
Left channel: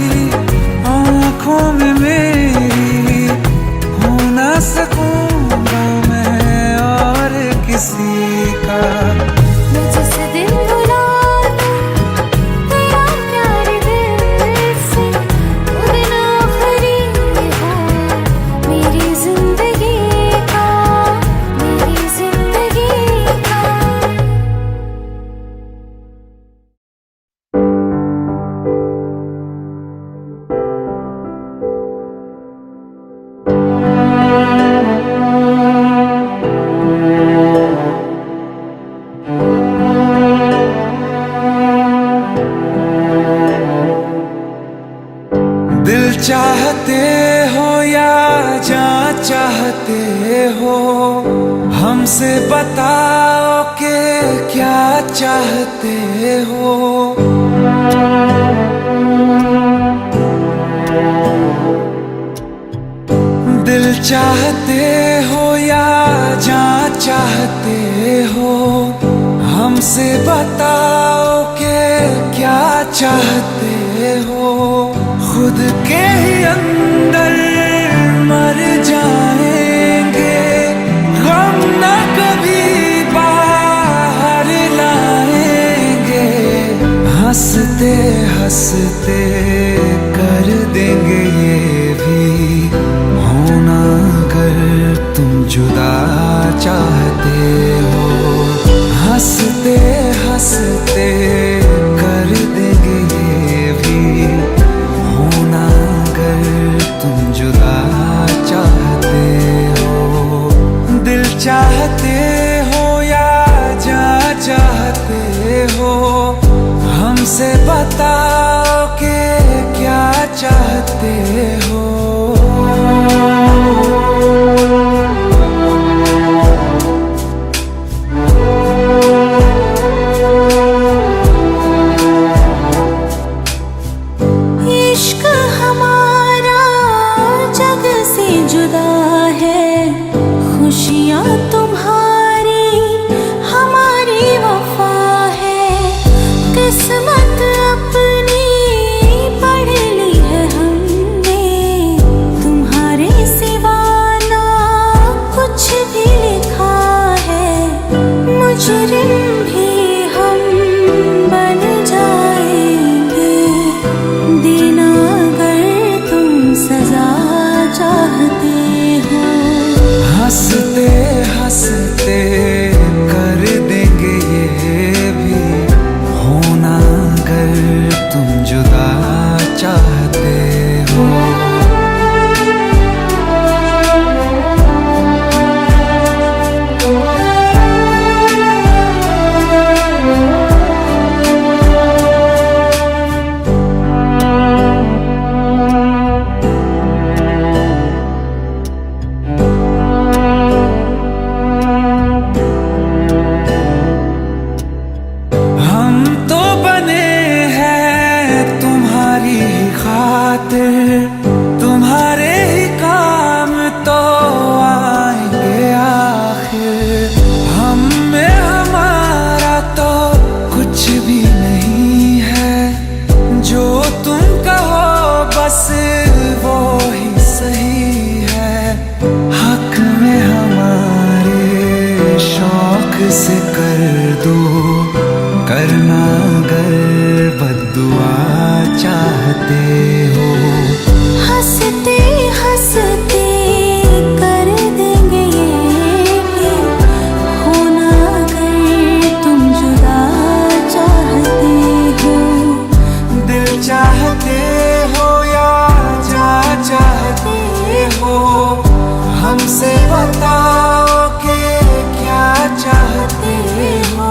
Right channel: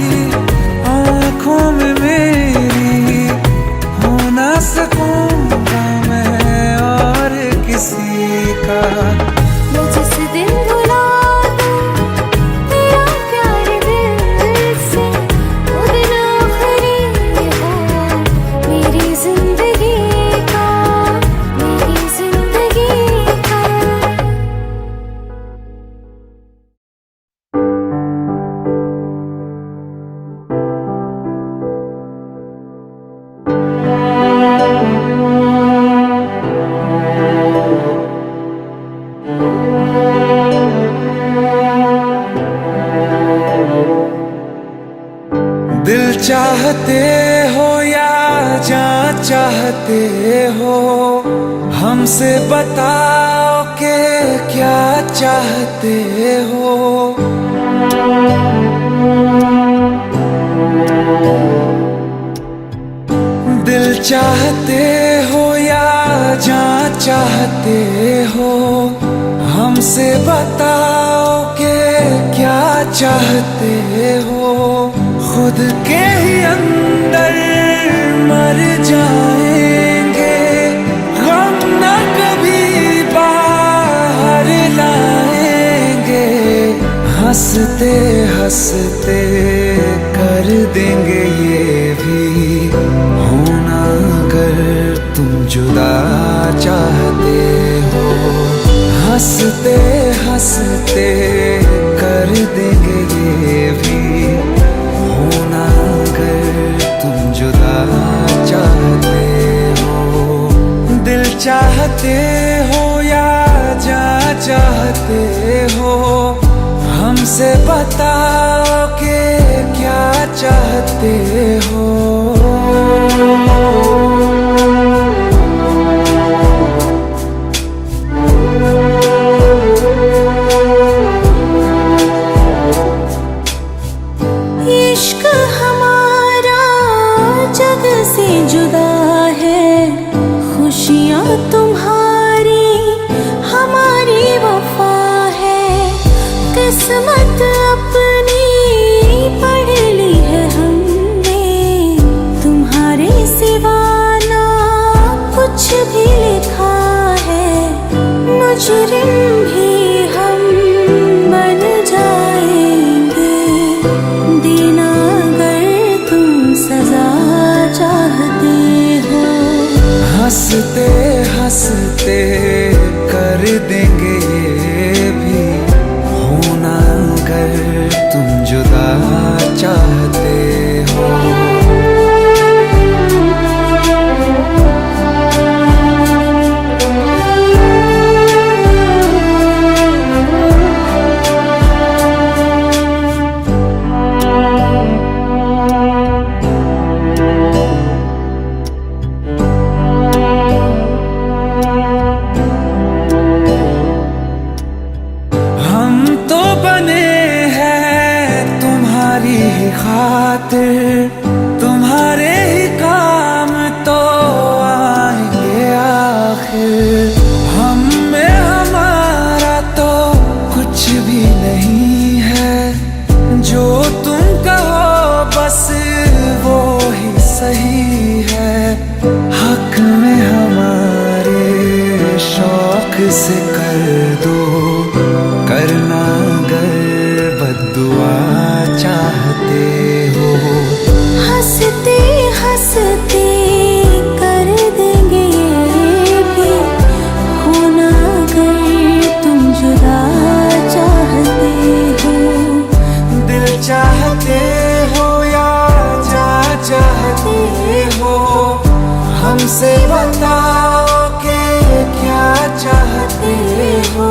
आँखों में मेरी हो ना सकूंगा मैं और किसी का। मैं जिस दिन भुला दूं तेरा प्यार दिल से वो दिन आखिरी हो मेरी जिंदगी का मेरी जिंदगी का। दिल चाहते हो या जान चाहते हो हमसे बताओ कि क्या चाहते हो। दिल चाहते हो या जान चाहते हो हमसे बताओ कि क्या चाहते हो। खुद के ही अंदर मर जाएंगे गम न कभी बाहर लाएंगे। हंसते हंसते कर देंगे ये भी होना अगर तुम जुदा चाहते हो। हंसते हंसते कर देंगे ये भी होना अगर तुम जुदा चाहते हो। दिल चाहते हो या जान चाहते हो हमसे बताओ कि क्या चाहते हो। इश्क हमारा जग से जुदा है, खुशियाँ तुम्हारी हमारी वफा है। किस्मत अपनी पढ़ ली है हमने, तुम्हारे सिवा ना कुछ भी लिखा है। मुजरिम भी हम बन जाएंगे, देना अगर तुम सजा चाहते हो। हंसते हंसते कर देंगे ये भी होना अगर तुम जुदा चाहते हो। हम तो बने हैं तुम्हारी ही खातिर, तुम्हारे ही काम तो आएंगे आखिर। हम में हमारा तो कुछ भी नहीं है, जो तुम कहो बस वो ही सही है। हक में हमारे शौक से कर दो, करना अगर बद्दुआ चाहते हो। हंसते हंसते कर देंगे ये भी, होना अगर तुम जुदा चाहते हो। दिल चाहते हो या जा चाहते हो, हमसे बताओ कि क्या चाहते हो।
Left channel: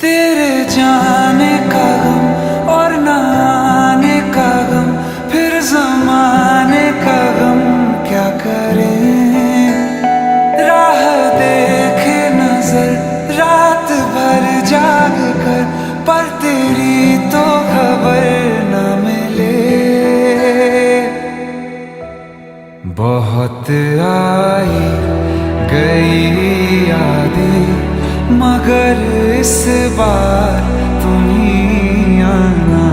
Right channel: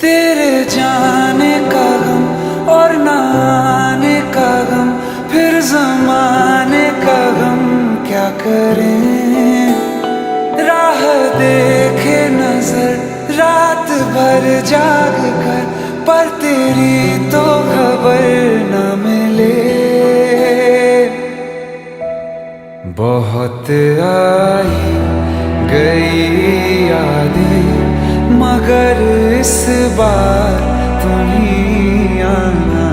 तेरे जाने का गम और न आने का गम, फिर जमाने का गम क्या करें। राह देखे नजर रात भर जाग कर, पर तेरी तो खबर न मिले। बहुत आई गई यादें, मगर इस बार तुम ही आना।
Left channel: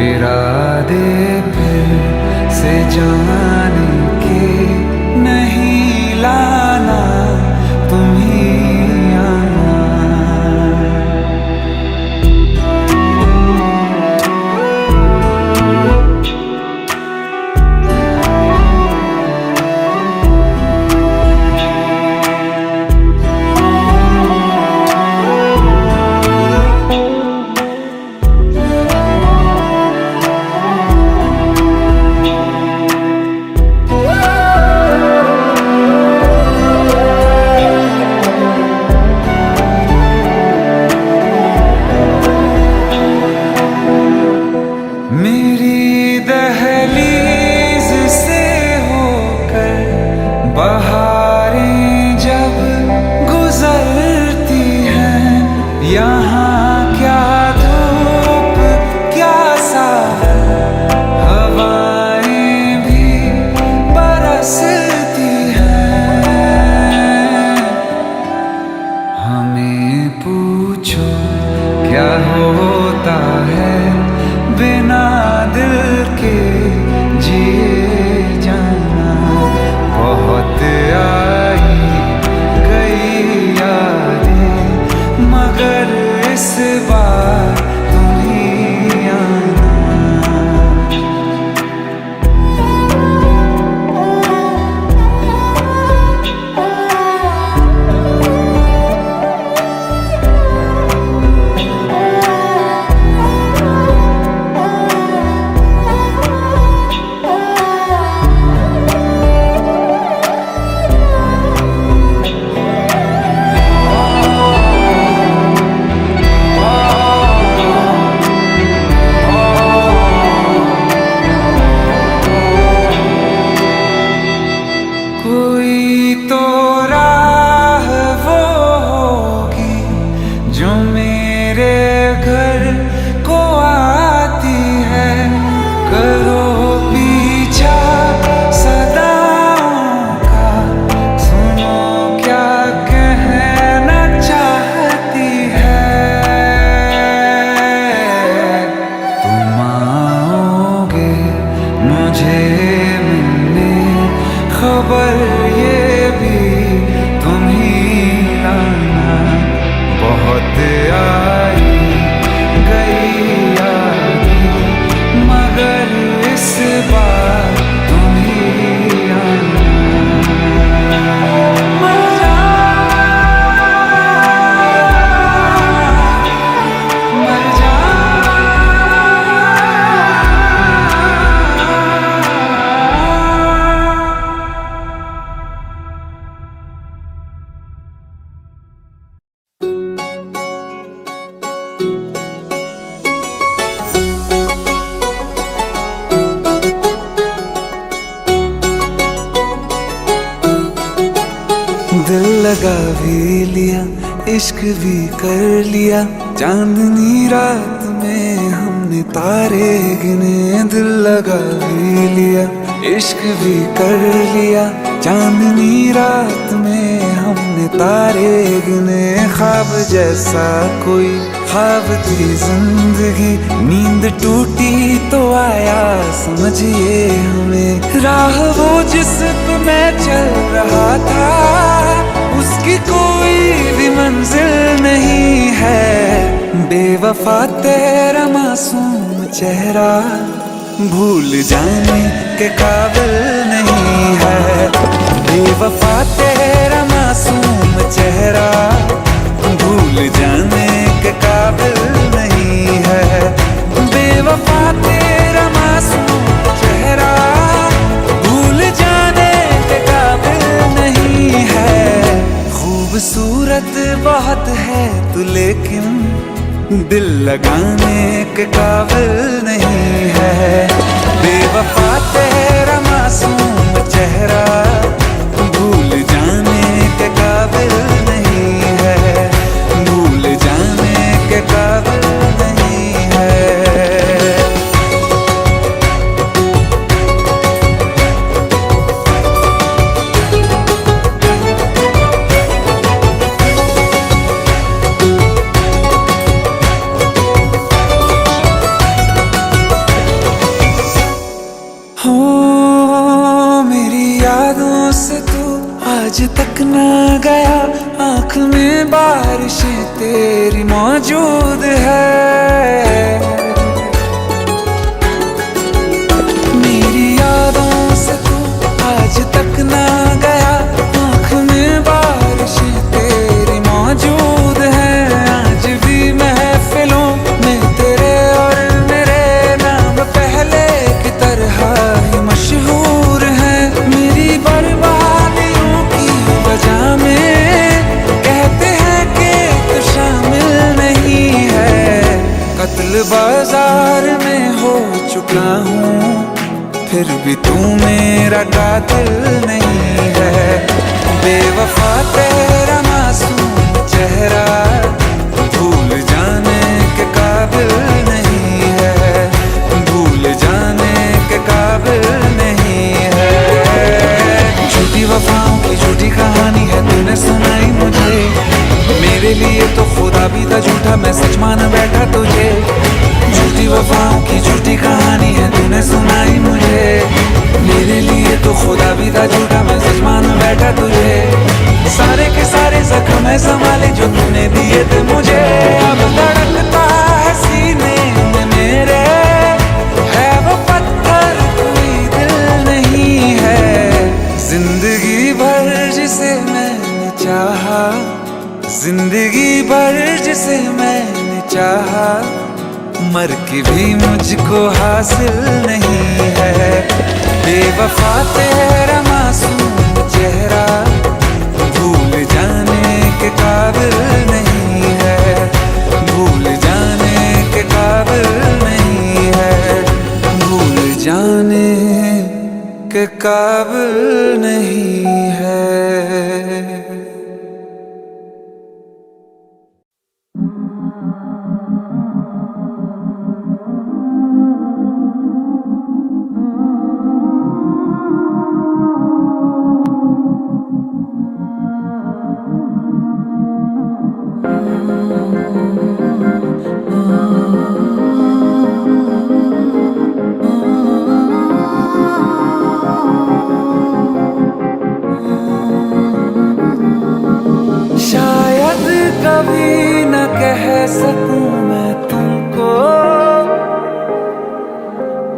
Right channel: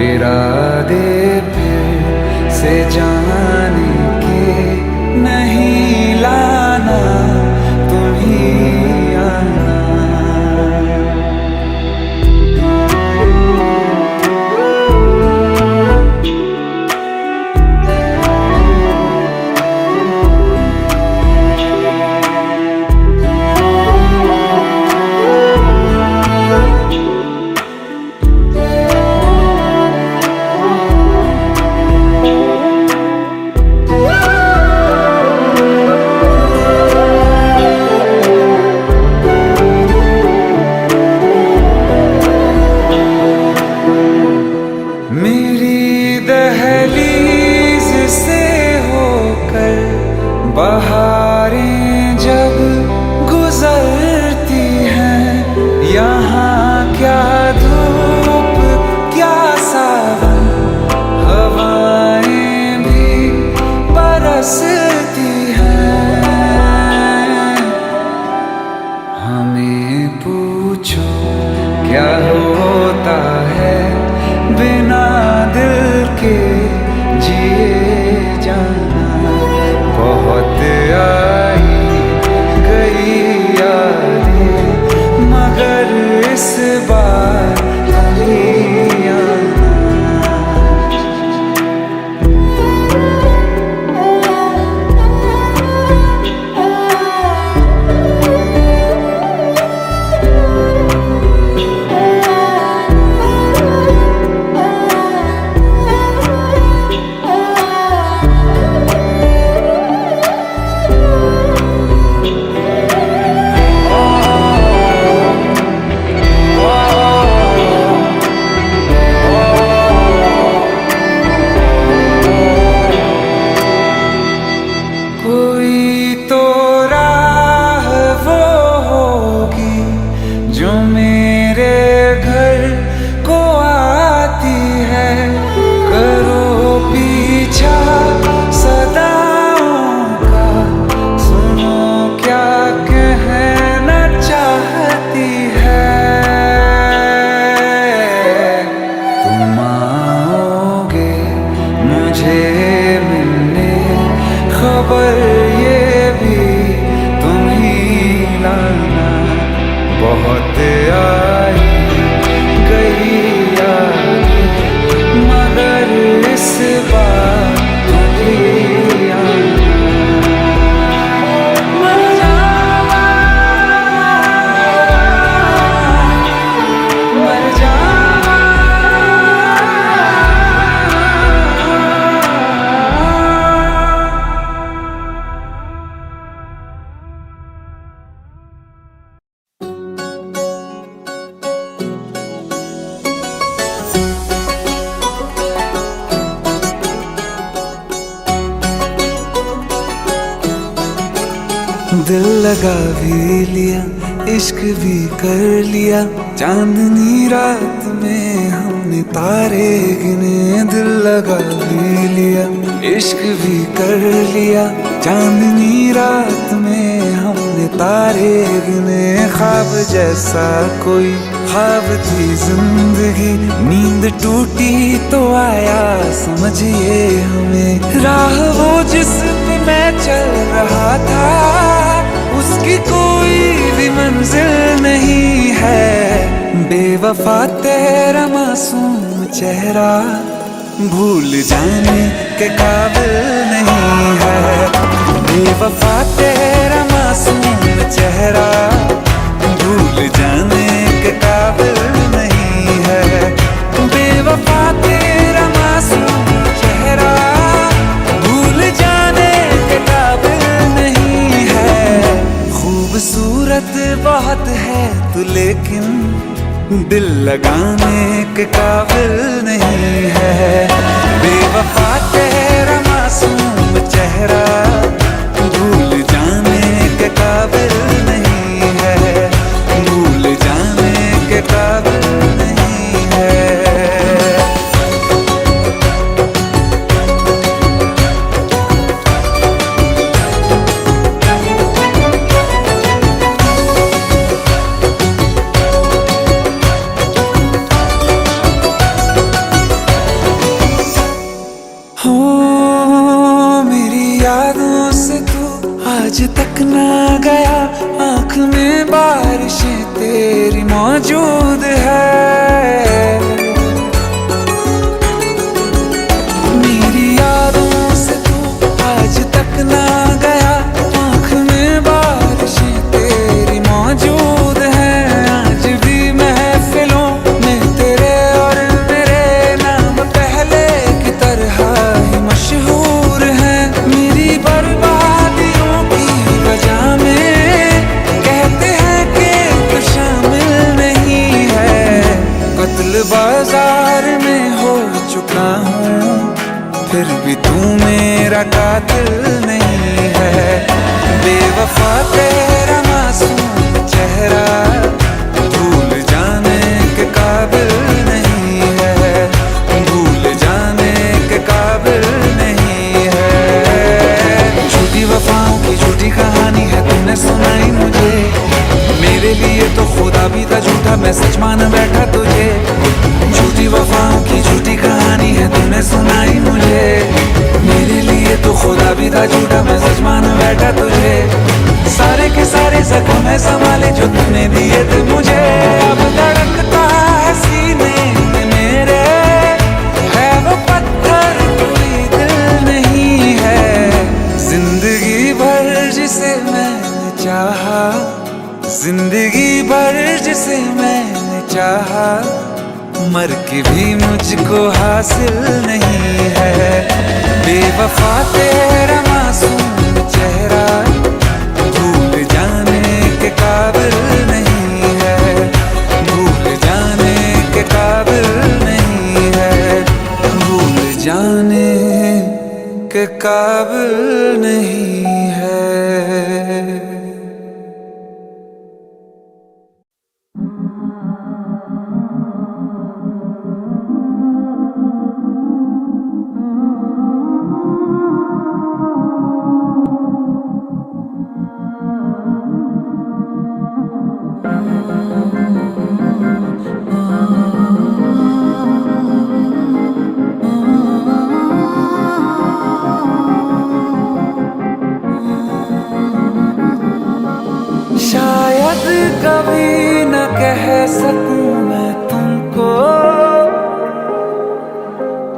इरादे फिर से जाने के नहीं लाना, तुम ही आना। मेरी दहलीज से होकर बहारें जब गुजरती हैं, यहाँ क्या धूप क्या सावन, हवाएं भी बरसती हैं। हमें पूछो क्या होता है बिना दिल के जिए जाना। बहुत आई गई यादें, मगर इस बार तुम ही आना। कोई तो राह वो होगी जो मेरे घर को आती है। करो पीछा सदाओं का, सुनो क्या कहना चाहती है। तुम आओगे मुझे मिलने, खबर ये भी तुम ही लाना। बहुत आई गई यादें, मगर इस बार तुम ही दिल लगा भी लिया, इश्क भी कर लिया, चांदनी रात में हमने तारे गिने। दिल लगा भी लिया, इश्क भी कर लिया, चांदनी रात में हमने तारे गिने। ख्वाब जैसा कोई ख्वाब थी जिंदगी, नींद टूटी तो आया समझिए हमें। राह वो जिस पे मैं चल रहा था, उसकी कोई भी मंजिल नहीं है। बेवफा तेरा मासूम चेहरा भूल जाने के काबिल नहीं है। बेवफा तेरा मासूम चेहरा भूल जाने के काबिल नहीं है। बेवफा तेरा मासूम चेहरा भूल जाने के काबिल नहीं है। खूबसूरत बहुत है तू लेकिन दिल लगाने के काबिल नहीं है। बेवफा तेरा मासूम चेहरा भूल जाने के काबिल नहीं है। भूल जाने के काबिल नहीं है। हो मेरी यादों से तू आज तक ना गया, आँख में बारिशें तेरी मौजूद है। मेरी यादों से तू आज तक ना गया, आँख में बारिशें तेरी मौजूद है। आज भी महफिलों में तेरे और मेरे नाम पहले की तरह ही मशहूर है। मेरी बर्बादियों की वजह में कहते हैं कि तू शामिल नहीं है। कत्ल बाजार में हो चुका हूँ, फिर भी तू मेरा कातिल नहीं है। बेवफा तेरा मासूम चेहरा भूल जाने के काबिल नहीं है। भूल जाने के काबिल नहीं है। झूठी वफाओं की झूठी कहानी है तूने सुनाई मुझे। मेरे लिए तो खुदा भी था झूठा, मैं सच मान बैठा तुझे। झूठी वफाओं की झूठी कहानी है तूने सुनाई मुझे। मेरे लिए तो खुदा भी था झूठा, मैं सच मान बैठा तुझे। सारे के सारे जख्म है संभाले जो तूने दिए थे मुझे। अब धड़कता है सीने में मेरे, है वो पत्थर कोई दिल नहीं है। जिंदगी भर जिसे मैंने चाहा, जिंदगी भर जिसे मैंने चाहा, मर के भी मुझको हासिल नहीं है। बेवफा तेरा मासूम चेहरा भूल जाने के काबिल नहीं है। भूल जाने के काबिल नहीं है। भूल जाने के काबिल नहीं है। शायद कभी न कह सकूं मैं तुमको,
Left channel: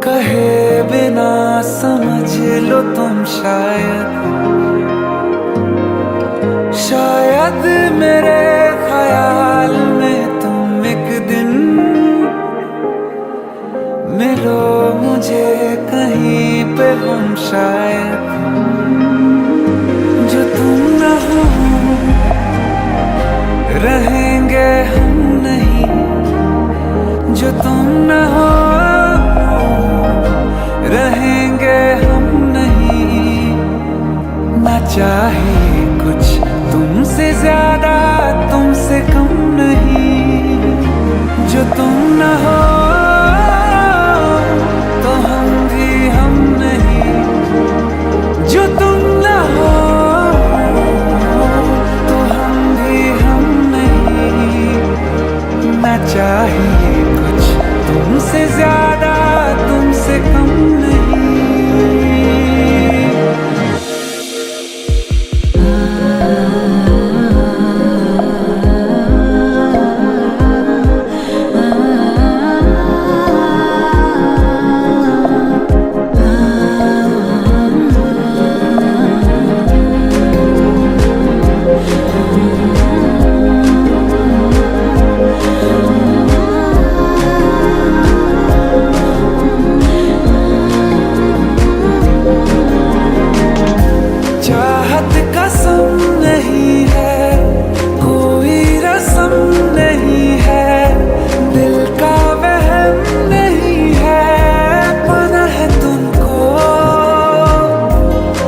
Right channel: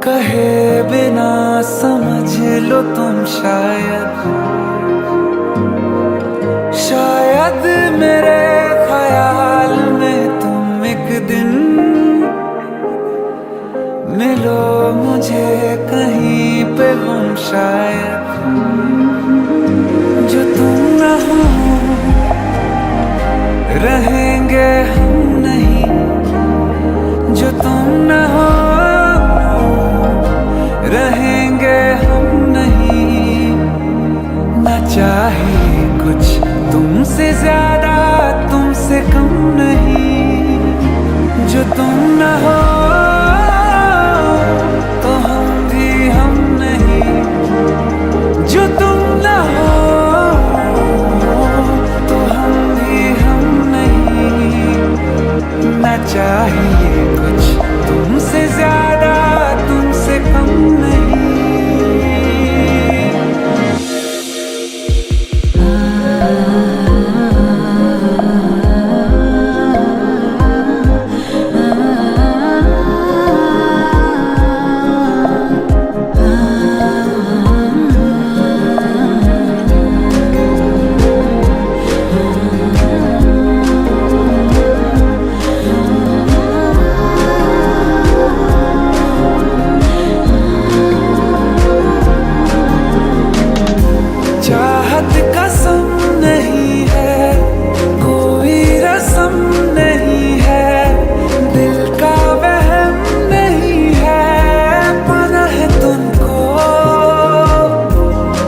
कहे बिना समझ लो तुम शायद मेरे ख्याल में तुम एक दिन मिलो मुझे कहीं पे हम शायद। जो तुम न हो रहेंगे हम नहीं, जो तुम न हो रहेंगे हम नहीं। ना चाहे कुछ तुमसे ज्यादा तुमसे कम नहीं, जो तुम न हो तो हम भी हम नहीं, जो तुम न हो तो हम भी हम नहीं। ना चाहिए कुछ तुमसे ज्यादा तुमसे कम नहीं। चाहत कसम नहीं है, कोई रस्म नहीं है, दिल का वहम नहीं है, पाना है तुमको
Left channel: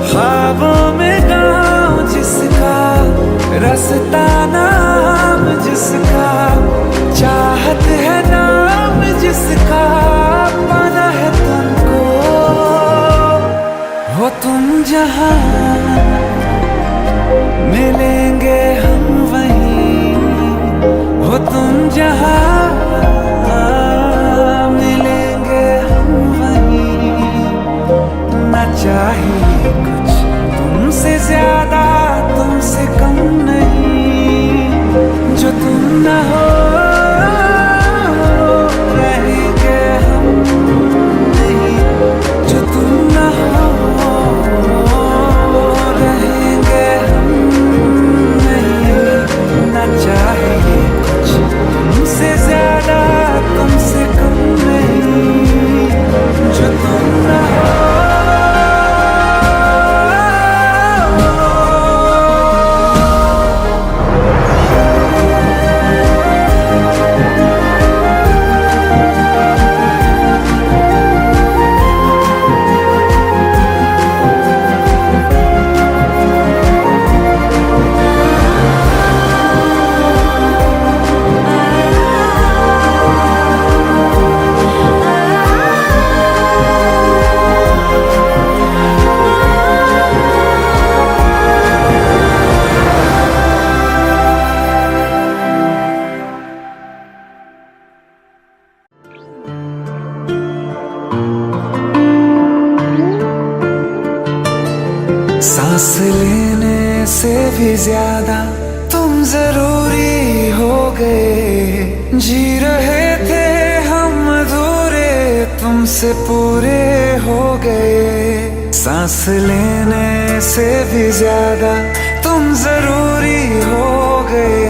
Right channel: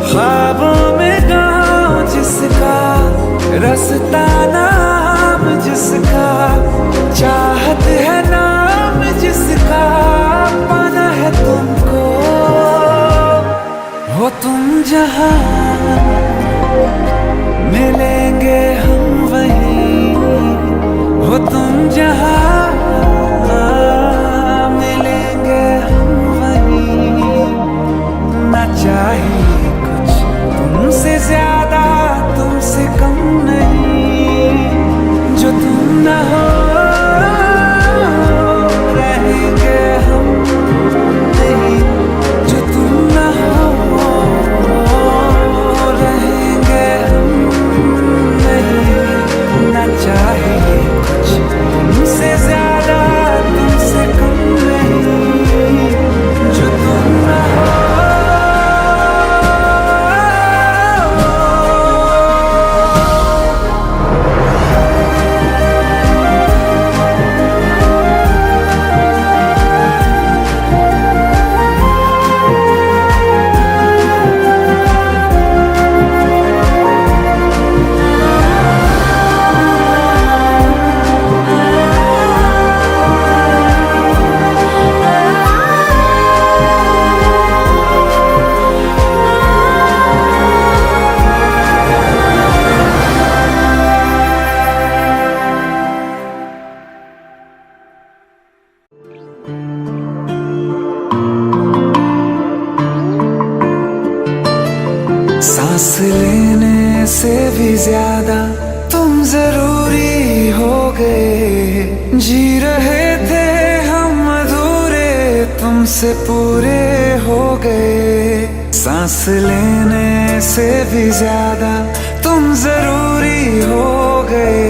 ख्वाबों में गाँव जिसका, रास्ता नाम जिसका, चाहत है नाम जिसका, पाना है तुमको। हो तुम जहाँ मिलेंगे हम वहीं, हो तुम जहाँ मिलेंगे हम वहीं। ना चाहिए कुछ तुमसे ज्यादा तुमसे कम नहीं, जो तुम न हो रहेंगे हम नहीं, जो तुम न हो रहेंगे हम नहीं। ना चाहिए कुछ तुमसे ज्यादा तुमसे कम नहीं, जो तुम न हो। सांस लेने से भी ज्यादा तुम जरूरी हो गए, जी रहे थे हम अधूरे तुमसे पूरे हो गए। सांस लेने से भी ज्यादा तुम जरूरी हो गए,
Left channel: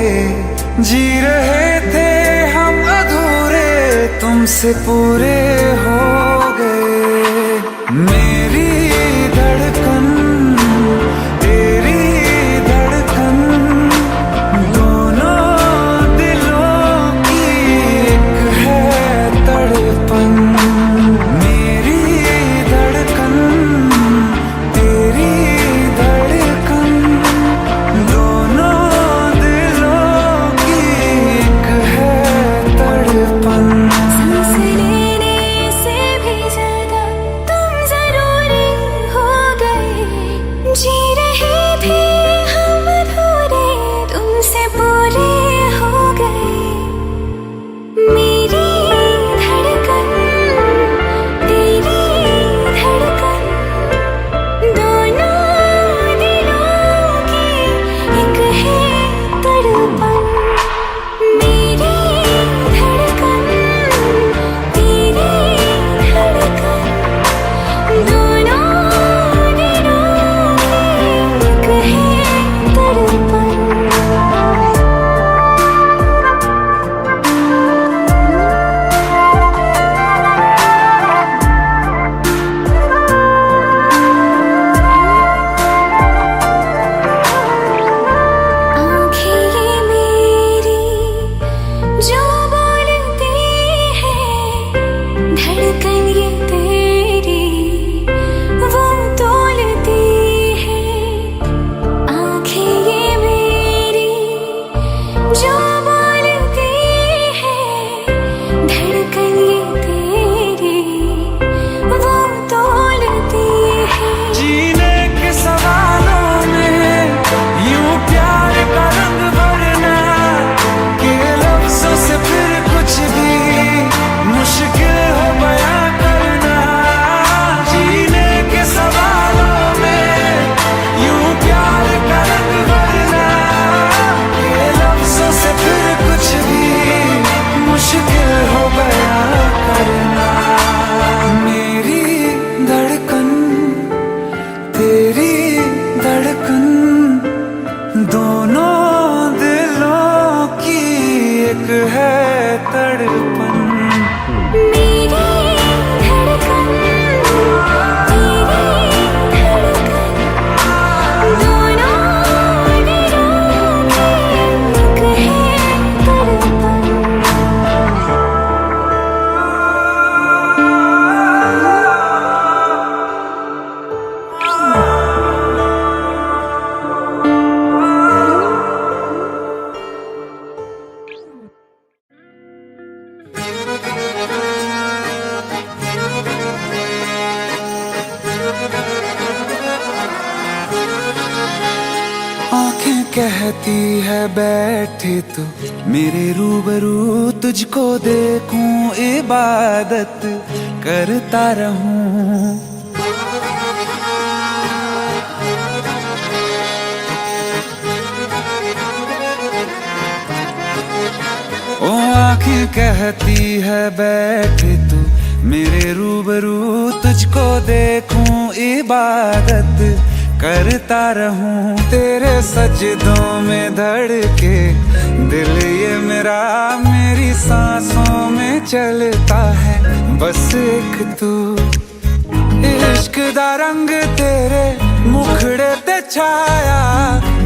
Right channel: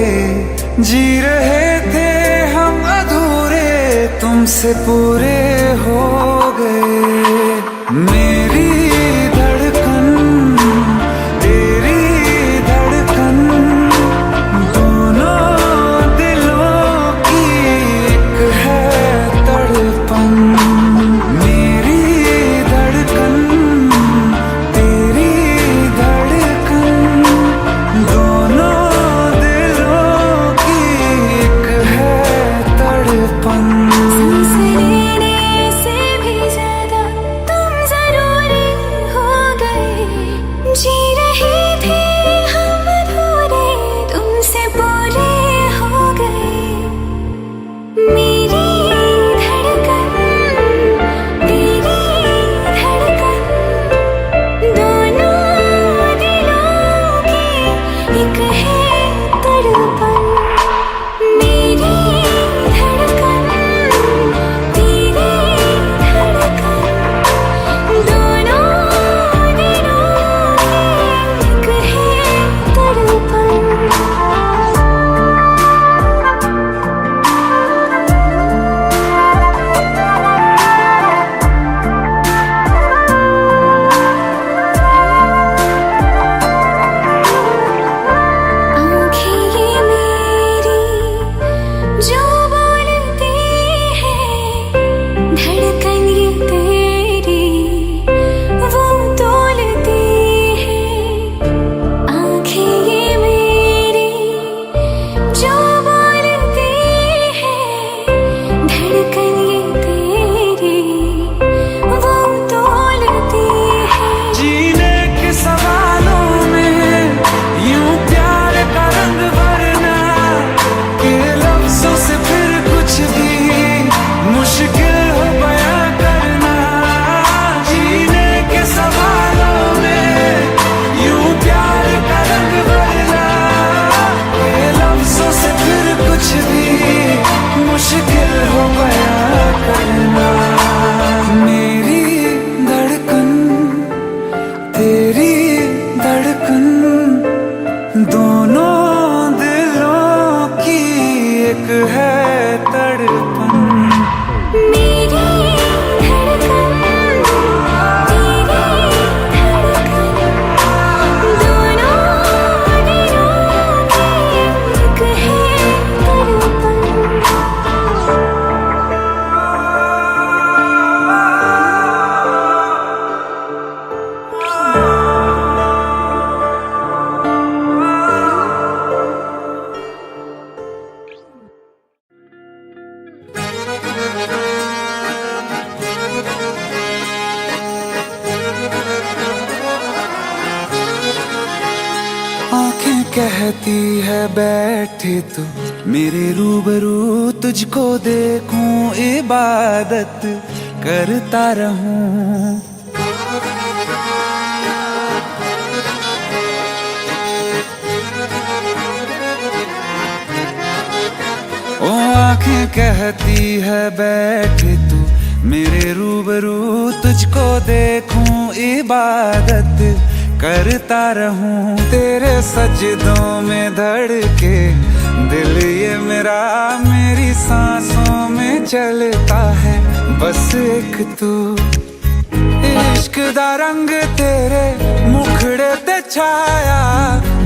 जी रहे थे हम अधूरे तुमसे पूरे हो गए। मेरी धड़कन तेरी धड़कन, दोनों दिलों की एक है तड़पन। मेरी धड़कन तेरी धड़कन, दोनों दिलों की एक है तड़पन। सांस लेने से भी ज्यादा तुम जरूरी हो गए, जी रहे थे हम अधूरे तुमसे पूरे हो गए। मेरी धड़कन तेरी धड़कन, दोनों दिलों की एक है तड़पन। मेरी धड़कन तेरी धड़कन, दोनों दिलों की एक है तड़पन। आँखें ये तेरी धड़कन दोनों दिलों की एक है तड़पन। मेरी धड़कन तेरी धड़कन दोनों दिलों की एक है तड़पन। आंखें कहती है बैठे तू मेरे रूबरू, तुझको देखूं इबादत करता रहूं। ओ आंखें कहती है बैठे तू मेरे रूबरू, तुझको देखूं इबादत करता रहूं। तेरे सजदों में धड़के दिल ये मेरा, मेरी सांसों में चलता है बस एक तू। इश्क दा रंग तेरे मुखड़े ते छाया,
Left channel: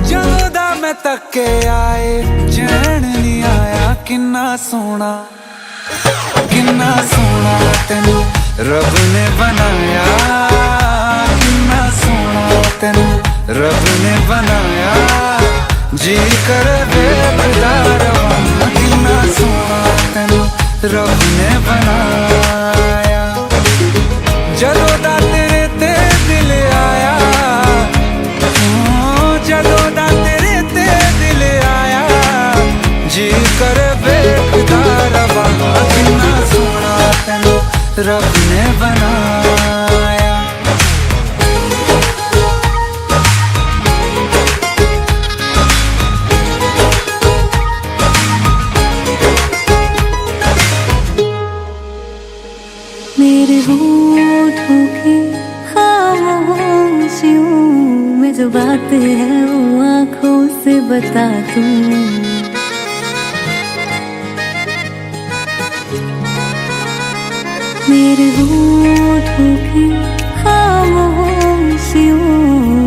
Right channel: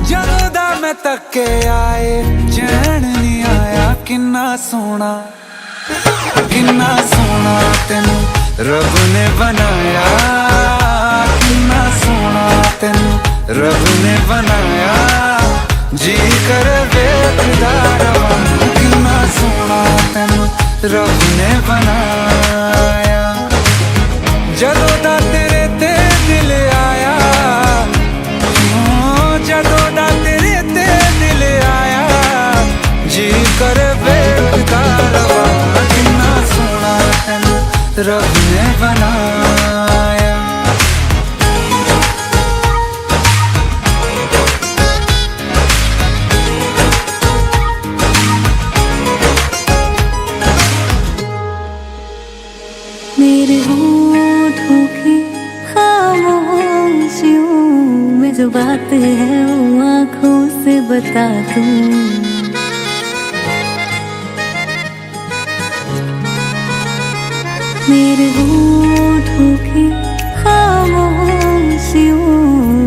जदों दा मैं तके आए चैन नहीं आया। किन्ना सोना तेनू रब ने बनाया, किन्ना सोना तेनू रब ने बनाया। जी कर वेखदा रवां, किन्ना सोना तेनू रब ने बनाया। जदों दा तेरे ते दिल आया, जदों दा तेरे ते दिल आया। जी कर वेखदा रवां, किन्ना सोना तेनू रब ने बनाया। मेरे होठों की खामोशियों में जो बात है वो आंखों से बता दूं। मेरे होठों की खामोशियों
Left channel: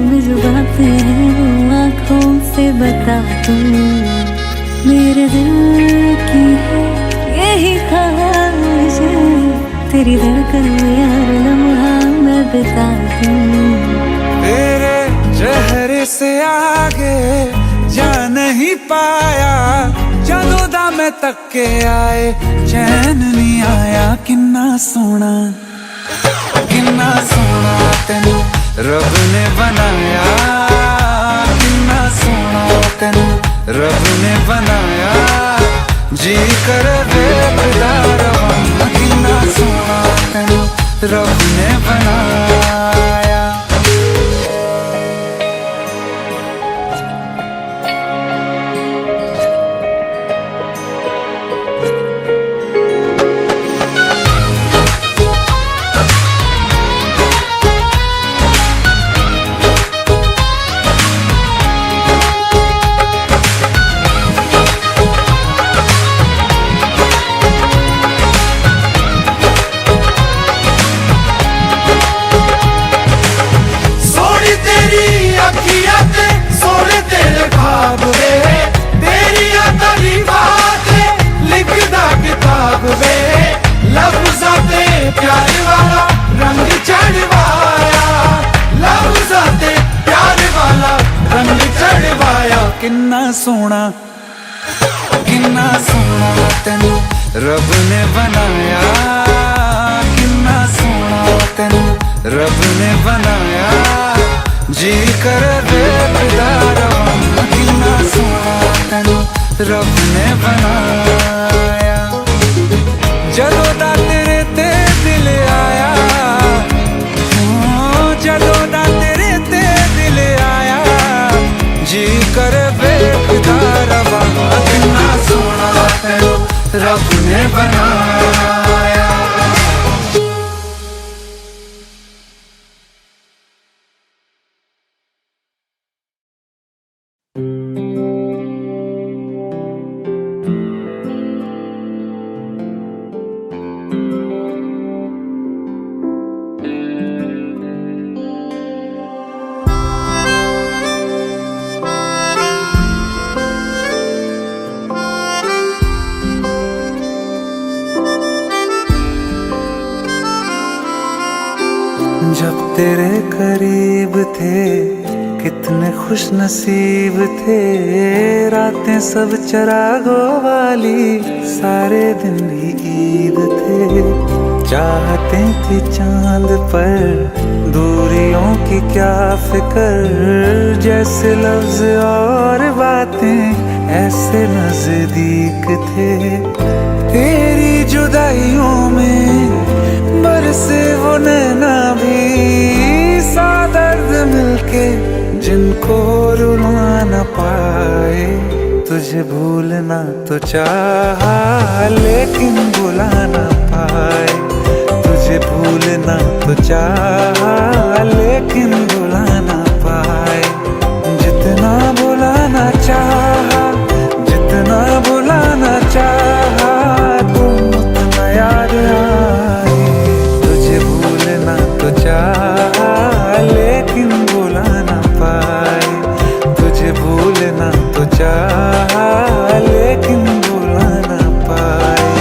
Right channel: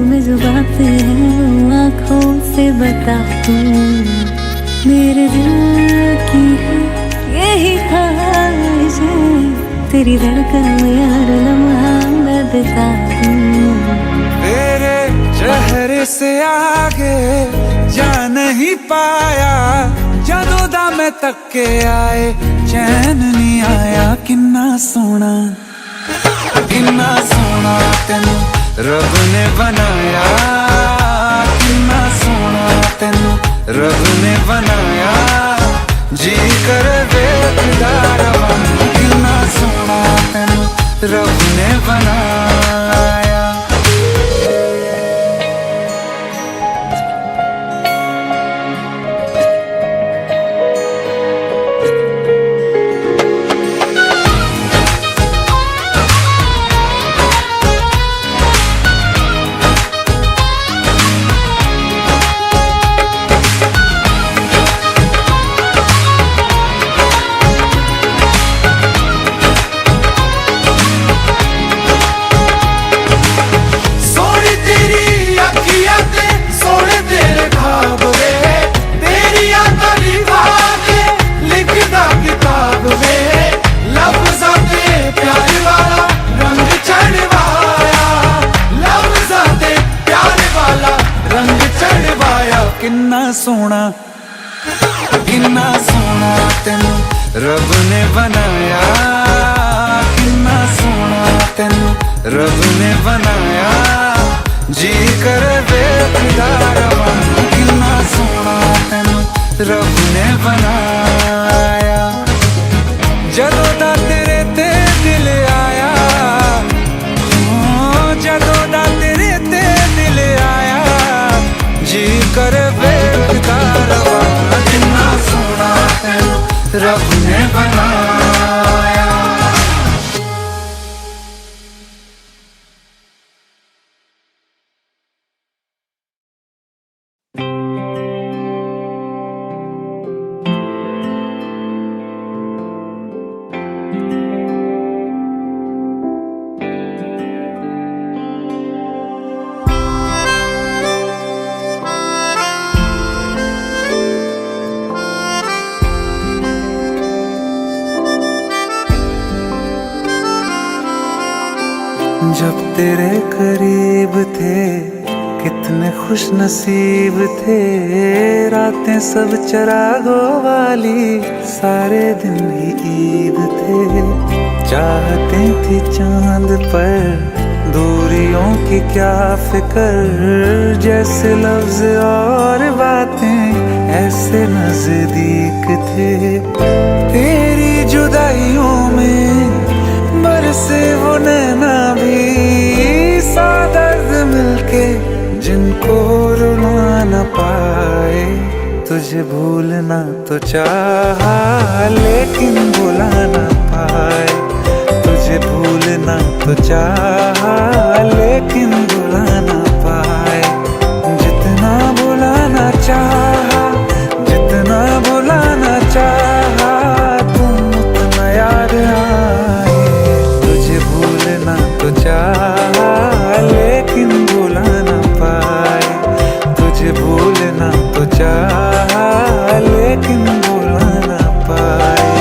में जो बात है वो आंखों से बता दूं। मेरे दिल की है यही ख्वाहिश है, तेरी धड़कन में हर लम्हा मैं बिता दूं। तेरे चेहरे से आगे जा नहीं पाया, जदों दा मैं तके आए चैन नहीं आया। किन्ना सोना तेनू रब ने बनाया, किन्ना सोना तेनू रब ने बनाया। जी कर वेखदा रवां, किन्ना सोना तेनू रब ने बनाया। प्यार वाला रंग चढ़वाया, लफ्ज़ां ते प्यार वाला रंग चढ़वाया। किन्ना सोना तेनू रब ने बनाया, किन्ना सोना तेनू रब ने बनाया। जी कर वेखदा रवां, किन्ना सोना तेनू रब ने बनाया। जदों दा तेरे ते दिल आया, जदों दा तेरे ते दिल आया। जी कर वेखदा रवां, किन्ना सोना तेनू रब ने बनाया। जब तेरे करीब थे कितने खुश नसीब थे, रातें सब चरागों वाली, सारे दिन ही ईद थे। चाहते थी चांद पर दूरियों की क्या फिक्र, जैसे लफ्ज और बातें ऐसे नजदीक थे। तेरी जुदाइयों में बरसे वो नैना भी, सा दर्द मिलके जिनको रुला न पाए। तुझे भूलना तो चाहा लेकिन भुला न पाए। तुझे भूलना तो चाहा लेकिन भुला न पाए। जितना भुलाना चाहा, जितना भुलाना चाहा, तुम उतना याद आए। तुझे भूलना तो चाहा लेकिन भुला न पाए। तुझे भूलना तो चाहा लेकिन भुला न पाए।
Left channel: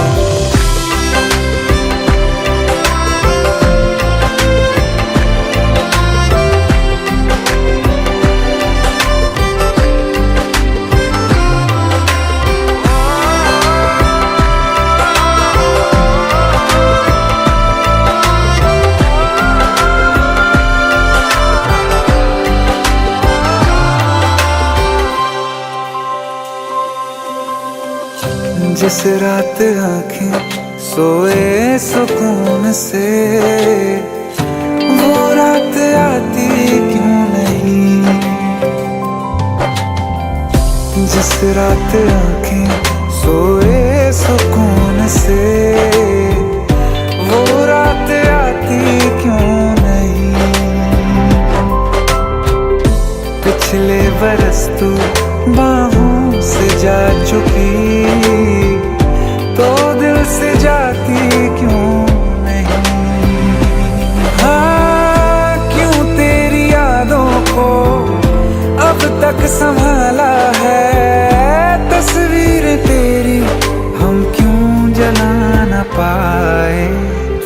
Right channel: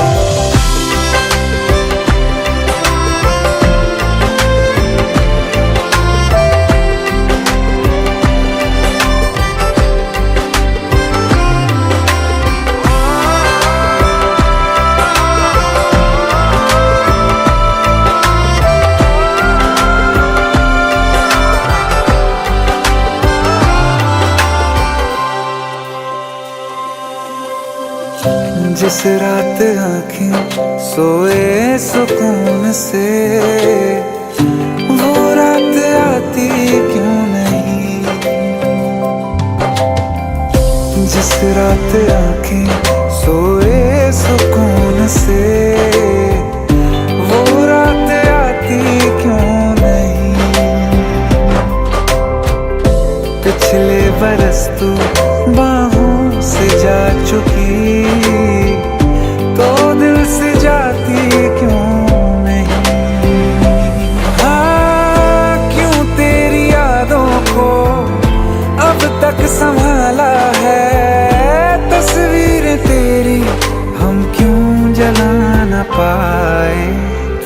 जिस रात आँखें सोए सुकून से, वो रात आती क्यों नहीं। जिस रात आँखें सोए सुकून से, वो रात आती क्यों नहीं। पिछले बरस तू बाहों से जा चुकी, तो दिल से जाती क्यों नहीं। हाँ, क्यों तेरी यादों को अब तक संभाला है। तस्वीरें तेरी हम क्यों जला न पाए।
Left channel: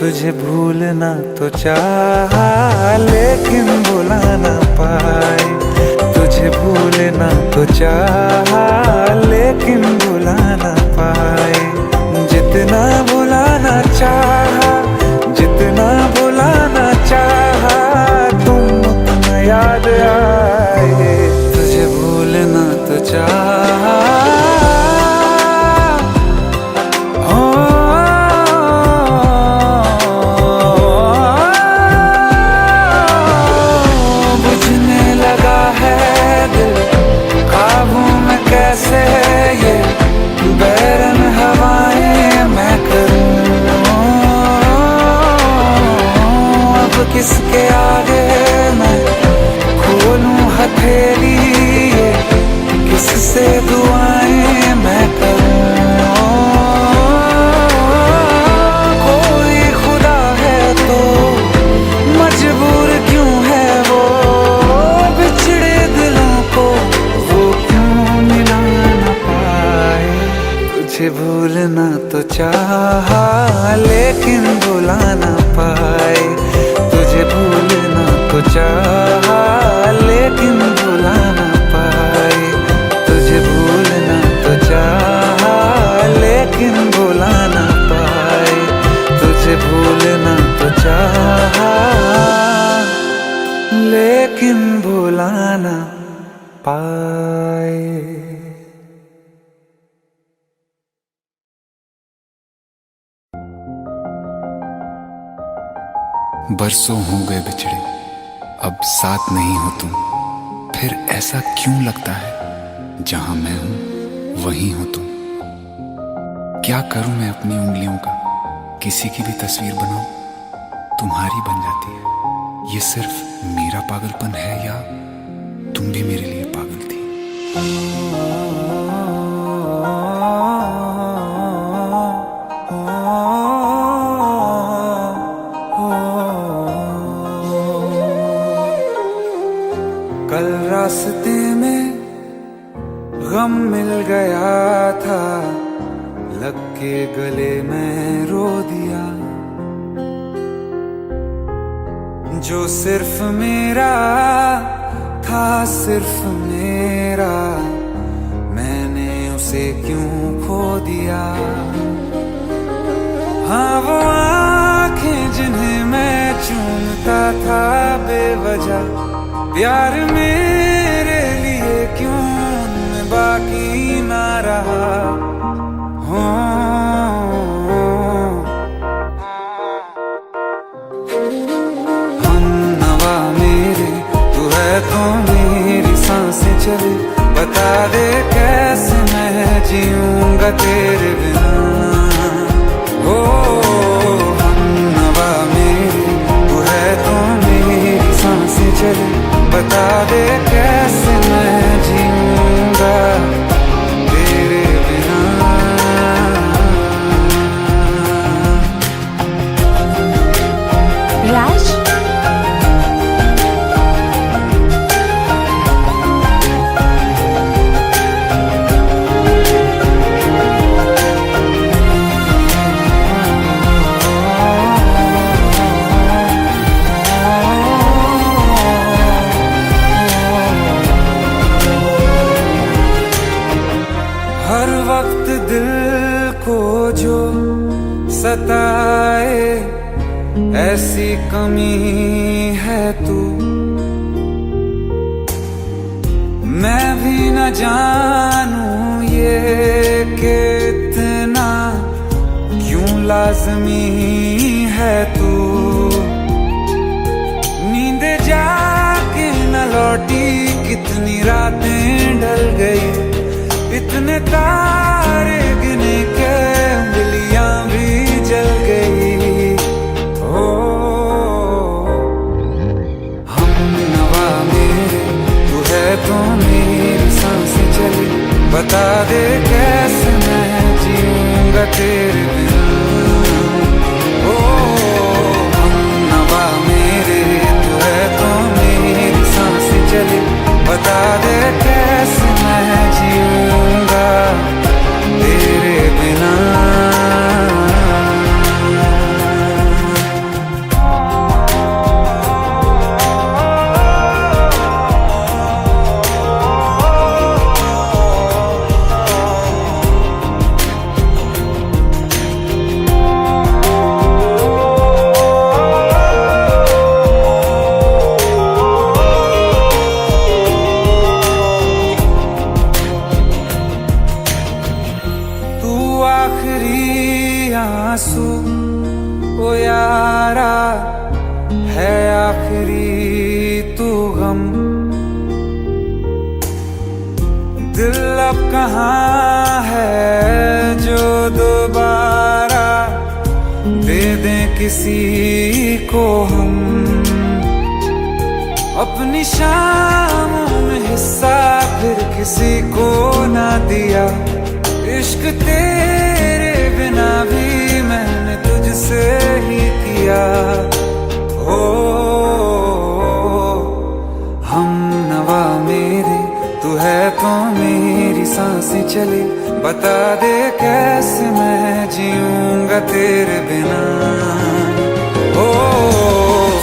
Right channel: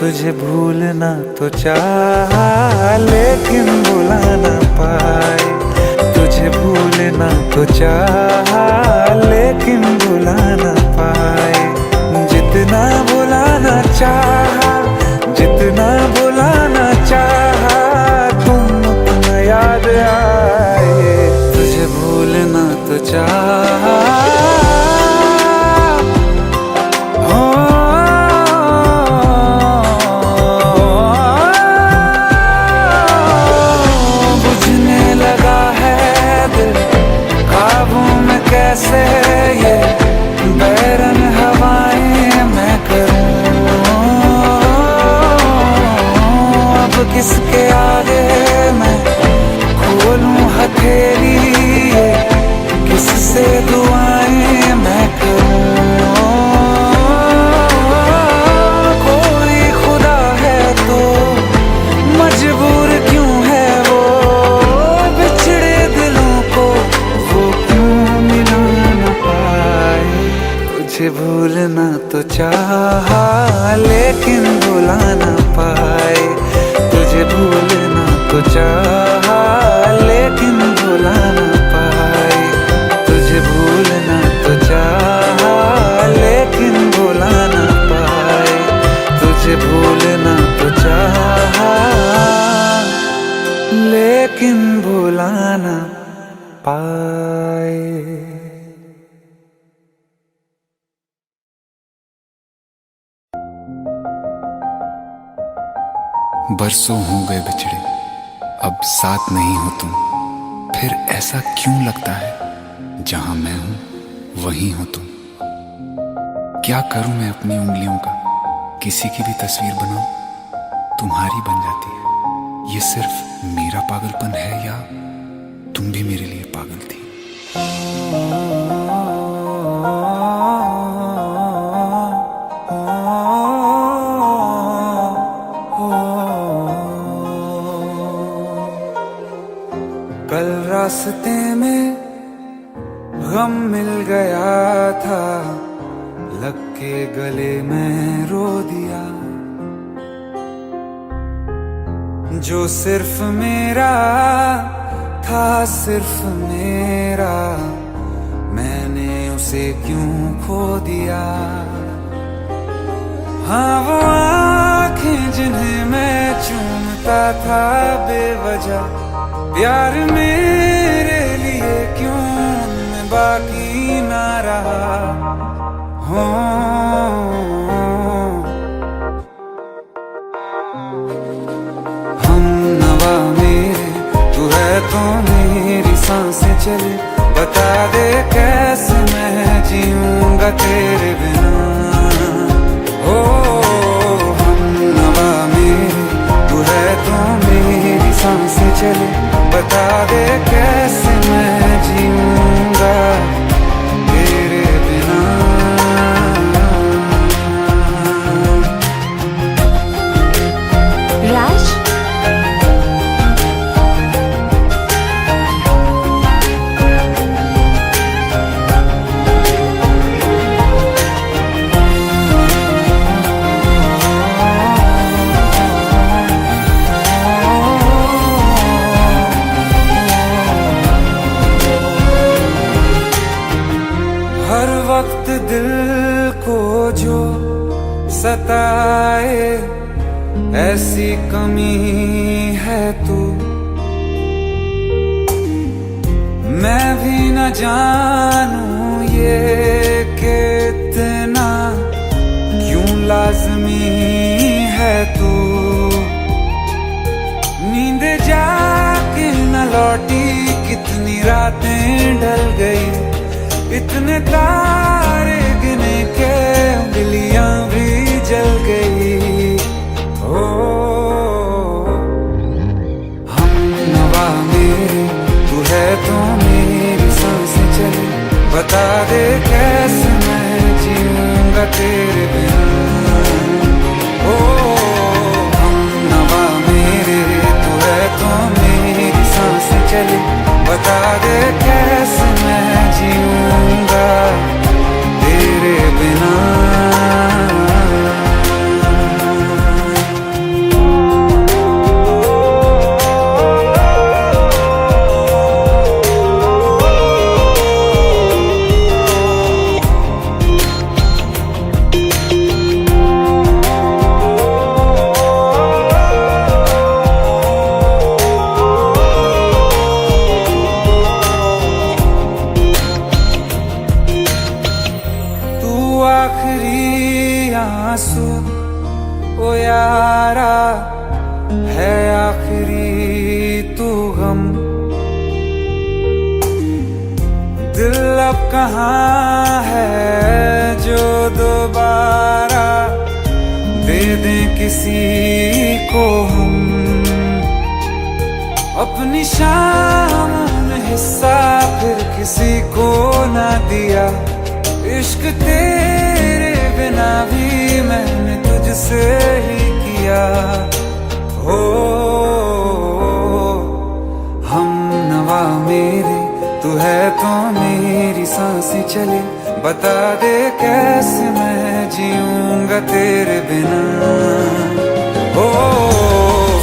तुझे भूलना तो चाहा लेकिन भुला न पाए। तुझे भूलना तो चाहा लेकिन भुला न पाए। जितना भुलाना चाहा, जितना भुलाना चाहा, तुम उतना याद आए। तुझे भूलना तो चाहा, बुझने लगा है दिल काबू में कैसे, ये बैरन हवाएं मैं करूं। अब किसके आगे मैं खोलूं हथेली, ये किससे दुआएं मैं करूं। कोई खुदा है तो मजबूर क्यों है वो, बिछड़े दिलों को वो क्यों मिला न पाए। तुझे भूलना तो चाहा लेकिन भुला न पाए। तुझे भूलना तो चाहा लेकिन भुला न पाए। तुझे भूलना तो चाहा लेकिन भुला न पाए। तुझे भूलना तो चाहा लेकिन भुला न पाए। बरसों हो गए बिछड़े, अब साथ नहीं हो तुम। फिर ऐसा क्यों लगता है, जहां मैं हूं वहीं हो तुम। क्या करूं मैं अपनी उंगलियों का, किसी की भी तस्वीर बनाऊं, तुम्हारी बन जाती है। ये सिर्फ मेरा पागलपन है या तुम भी मेरे लिए पागल थी। कल रास्ते में गम मिल गया था, लग के गले में रो दिया। जो सिर्फ मेरा था, सिर्फ मेरा, मैंने उसे क्यों खो दिया। हाँ वो आंखें जिन्हें मैं चूमता था बेवजह, प्यार मेरे लिए क्यों उनमें बाकी ना रहा। हो हम नवा मेरे, तू है तो मेरी सांसें चले, बता दे कैसे मैं जीऊंगा तेरे बिना। हो हम नवा मेरे, तू है तो मेरी सांसें चले, बता दे कैसे मैं जीऊंगा तेरे बिना। राज, हर वक्त दिल को जो सताए, ऐसी कमी है तू। मैं भी न जानूं ये कि इतना क्यों लाज़मी है तू। नींद जाके न लौटी, कितनी रातें ढल गई, इतने तारे गिने के उंगलियां भी जल गई। ओ हम नवा मेरे, तू है तो मेरी सांसें चले, बता दे कैसे मैं जीऊंगा तेरे बिना। ओ हम नवा मेरे, तू है तो मेरी सांसें चले, बता दे कैसे मैं जीऊंगा तेरे बिना। आखिरी आंसू ओ यारा है, आखिरी तू गम। दिल अब कहाँ है जो दोबारा दे दें किसी को हम। अपनी शामों में हिस्सा फिर किसी को ना दिया, इश्क तेरे बिना भी मैंने तुझसे ही किया। ओ हम नवा मेरे, तू है तो मेरी सांसें चले, बता दे कैसे मैं जीऊंगा तेरे बिना। ओ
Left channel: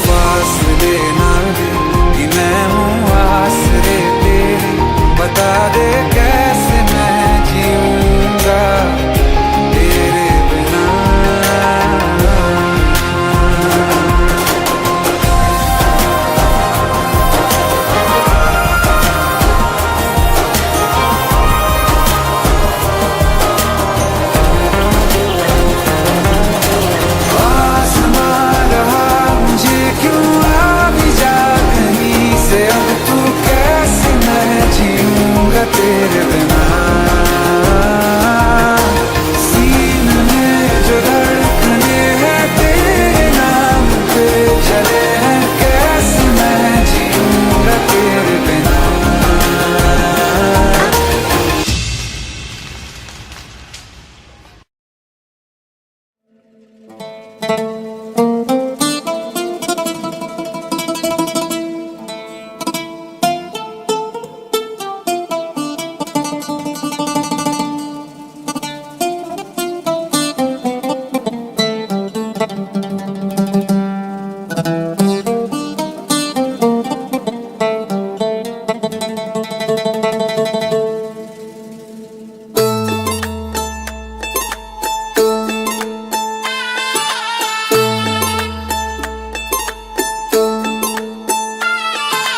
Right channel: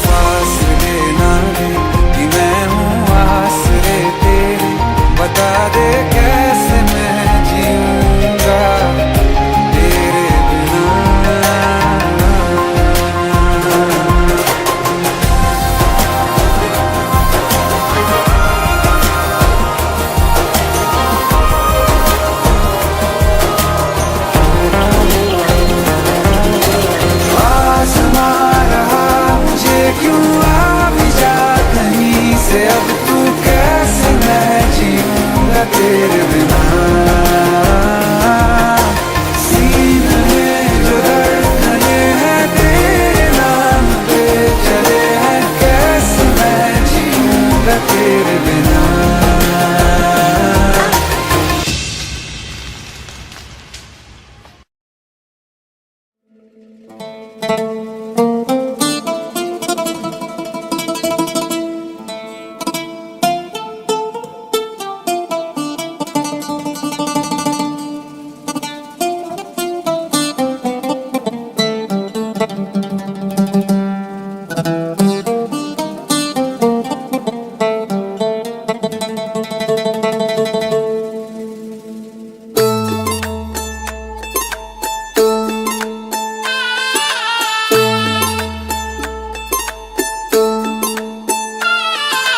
फासले ना दे कि मैं हूँ आसरे तेरे, बता दे कैसे मैं जीऊंगा तेरे बिना। आसमां रहा मुझे क्यों, आ भी जा कहीं से, अब तू कैसे मैं जीऊंगा तेरे बिना। सीने में जो धड़कने हैं तेरे नाम पे चले हैं, कैसे मैं जीऊंगा तेरे बिना।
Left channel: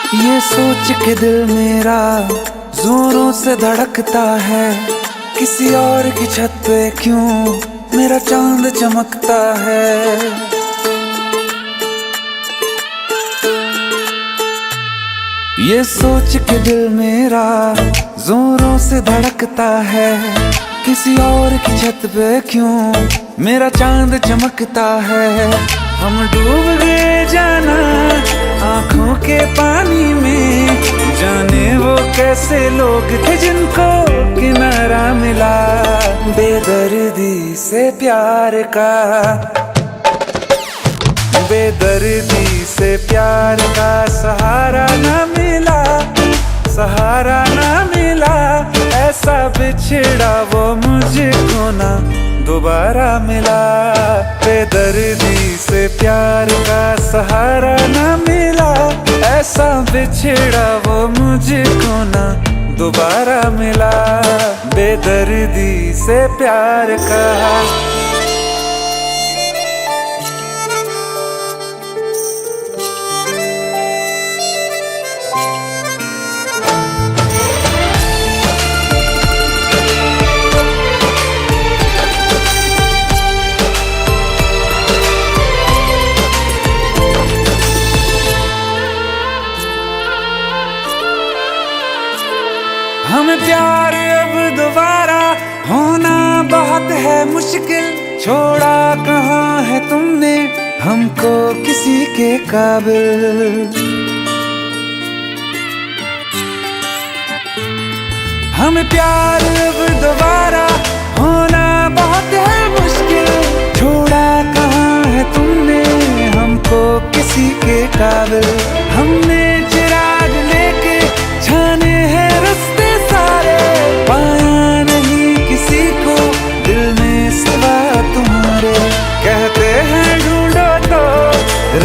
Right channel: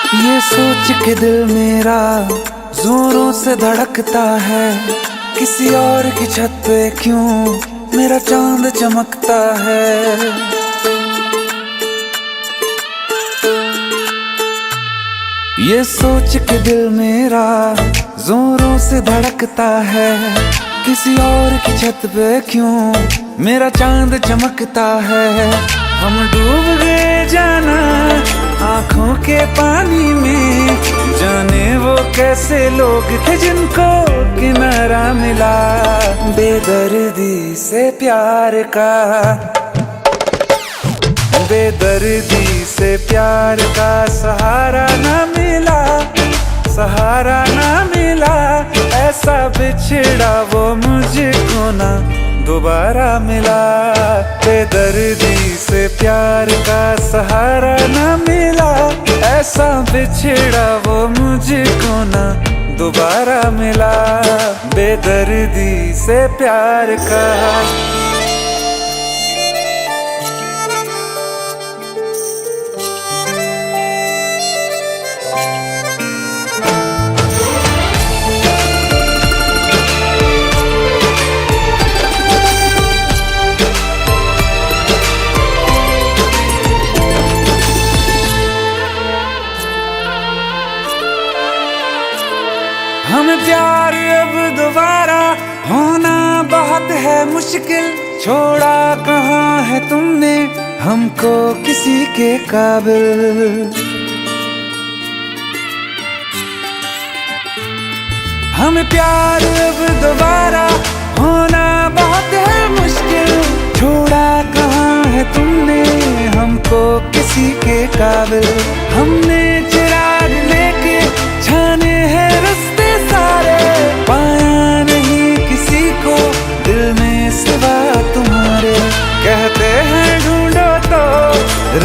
ये सोच के दिल मेरा जोरों से धड़कता है, किसी और की छत पे क्यों मेरा चांद चमकता है। ये सोच के दिल मेरा जोरों से धड़कता है, किसी और की छत पे क्यों मेरा चांद चमकता है। हम डूब गए जाना आंखों के पानी में, जाने वो कैसे लोग थे जिनको किनारा मिला। बेदर्दी से प्यार का, बेदर्दी से प्यार का सहारा ना मिला, सहारा ना मिला। ऐसा बिछड़ा वो मुझको ना दोबारा मिला। बेदर्दी से प्यार का सहारा ना मिला, ऐसा बिछड़ा वो मुझको ना दोबारा मिला। बेदर्दी से प्यार का। हमें प्यार अब दोबारा होना बहुत है मुश्किल, छोड़ा कहाँ है तुमने हमको किसी के काबिल। हमें प्यार अब दोबारा होना बहुत है मुश्किल, छोड़ा कहाँ है तुमने हमको किसी के काबिल। हमने चिराग लेके छाने हैं रास्ते सारे, पाया नहीं किसी को दिल में सिवा तुम्हारे। कहते हैं ढूंढो तो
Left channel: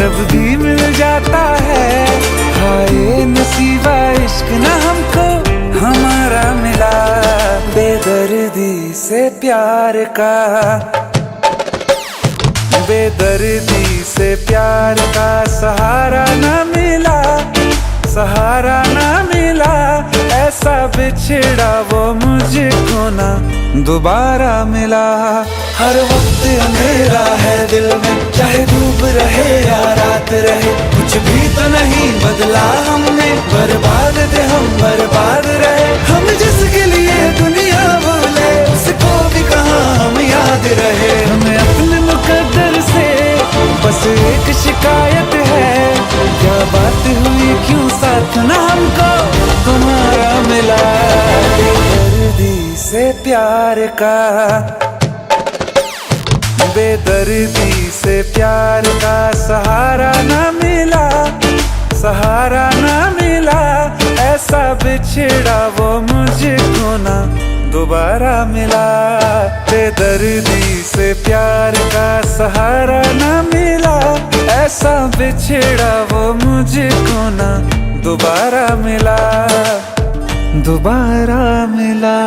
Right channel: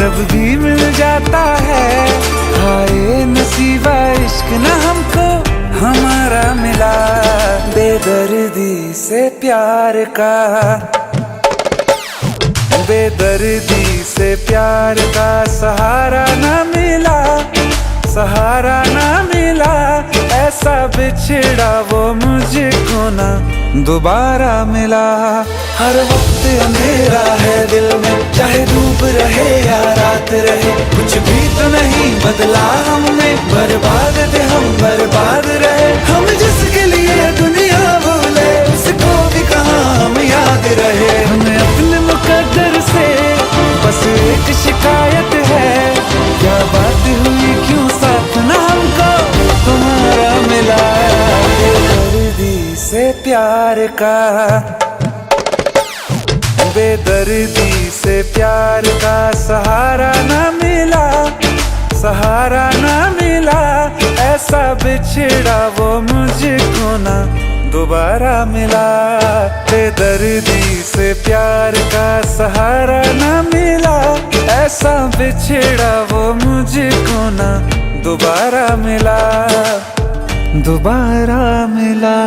रब भी मिल जाता है, हाय नसीबा इश्क ना हमको हमारा मिला। बेदर्दी से प्यार का, बेदर्दी से प्यार का सहारा ना मिला, सहारा ना मिला। ऐसा बिछड़ा वो मुझको ना दोबारा मिला। हर वक्त अंधेरा है दिल में, चाहे धूप रहे या रात रहे, कुछ भी तो नहीं बदला हमने, बर्बाद थे हम बर्बाद रहे। हम जिसके लिए दुनिया भूले उसको भी कहाँ हम याद रहे। हमें अपने मुकद्दर से बस एक शिकायत है, क्या बात हुई क्यों साथ ना हमको तुम्हारा मिला। बेदर्दी से प्यार का, बेदर्दी से प्यार का सहारा ना मिला, सहारा ना मिला। ऐसा बिछड़ा वो मुझको ना दोबारा मिला। बेदर्दी से प्यार का सहारा ना मिला, ऐसा बिछड़ा वो मुझको ना दोबारा मिला, दोबारा मिला।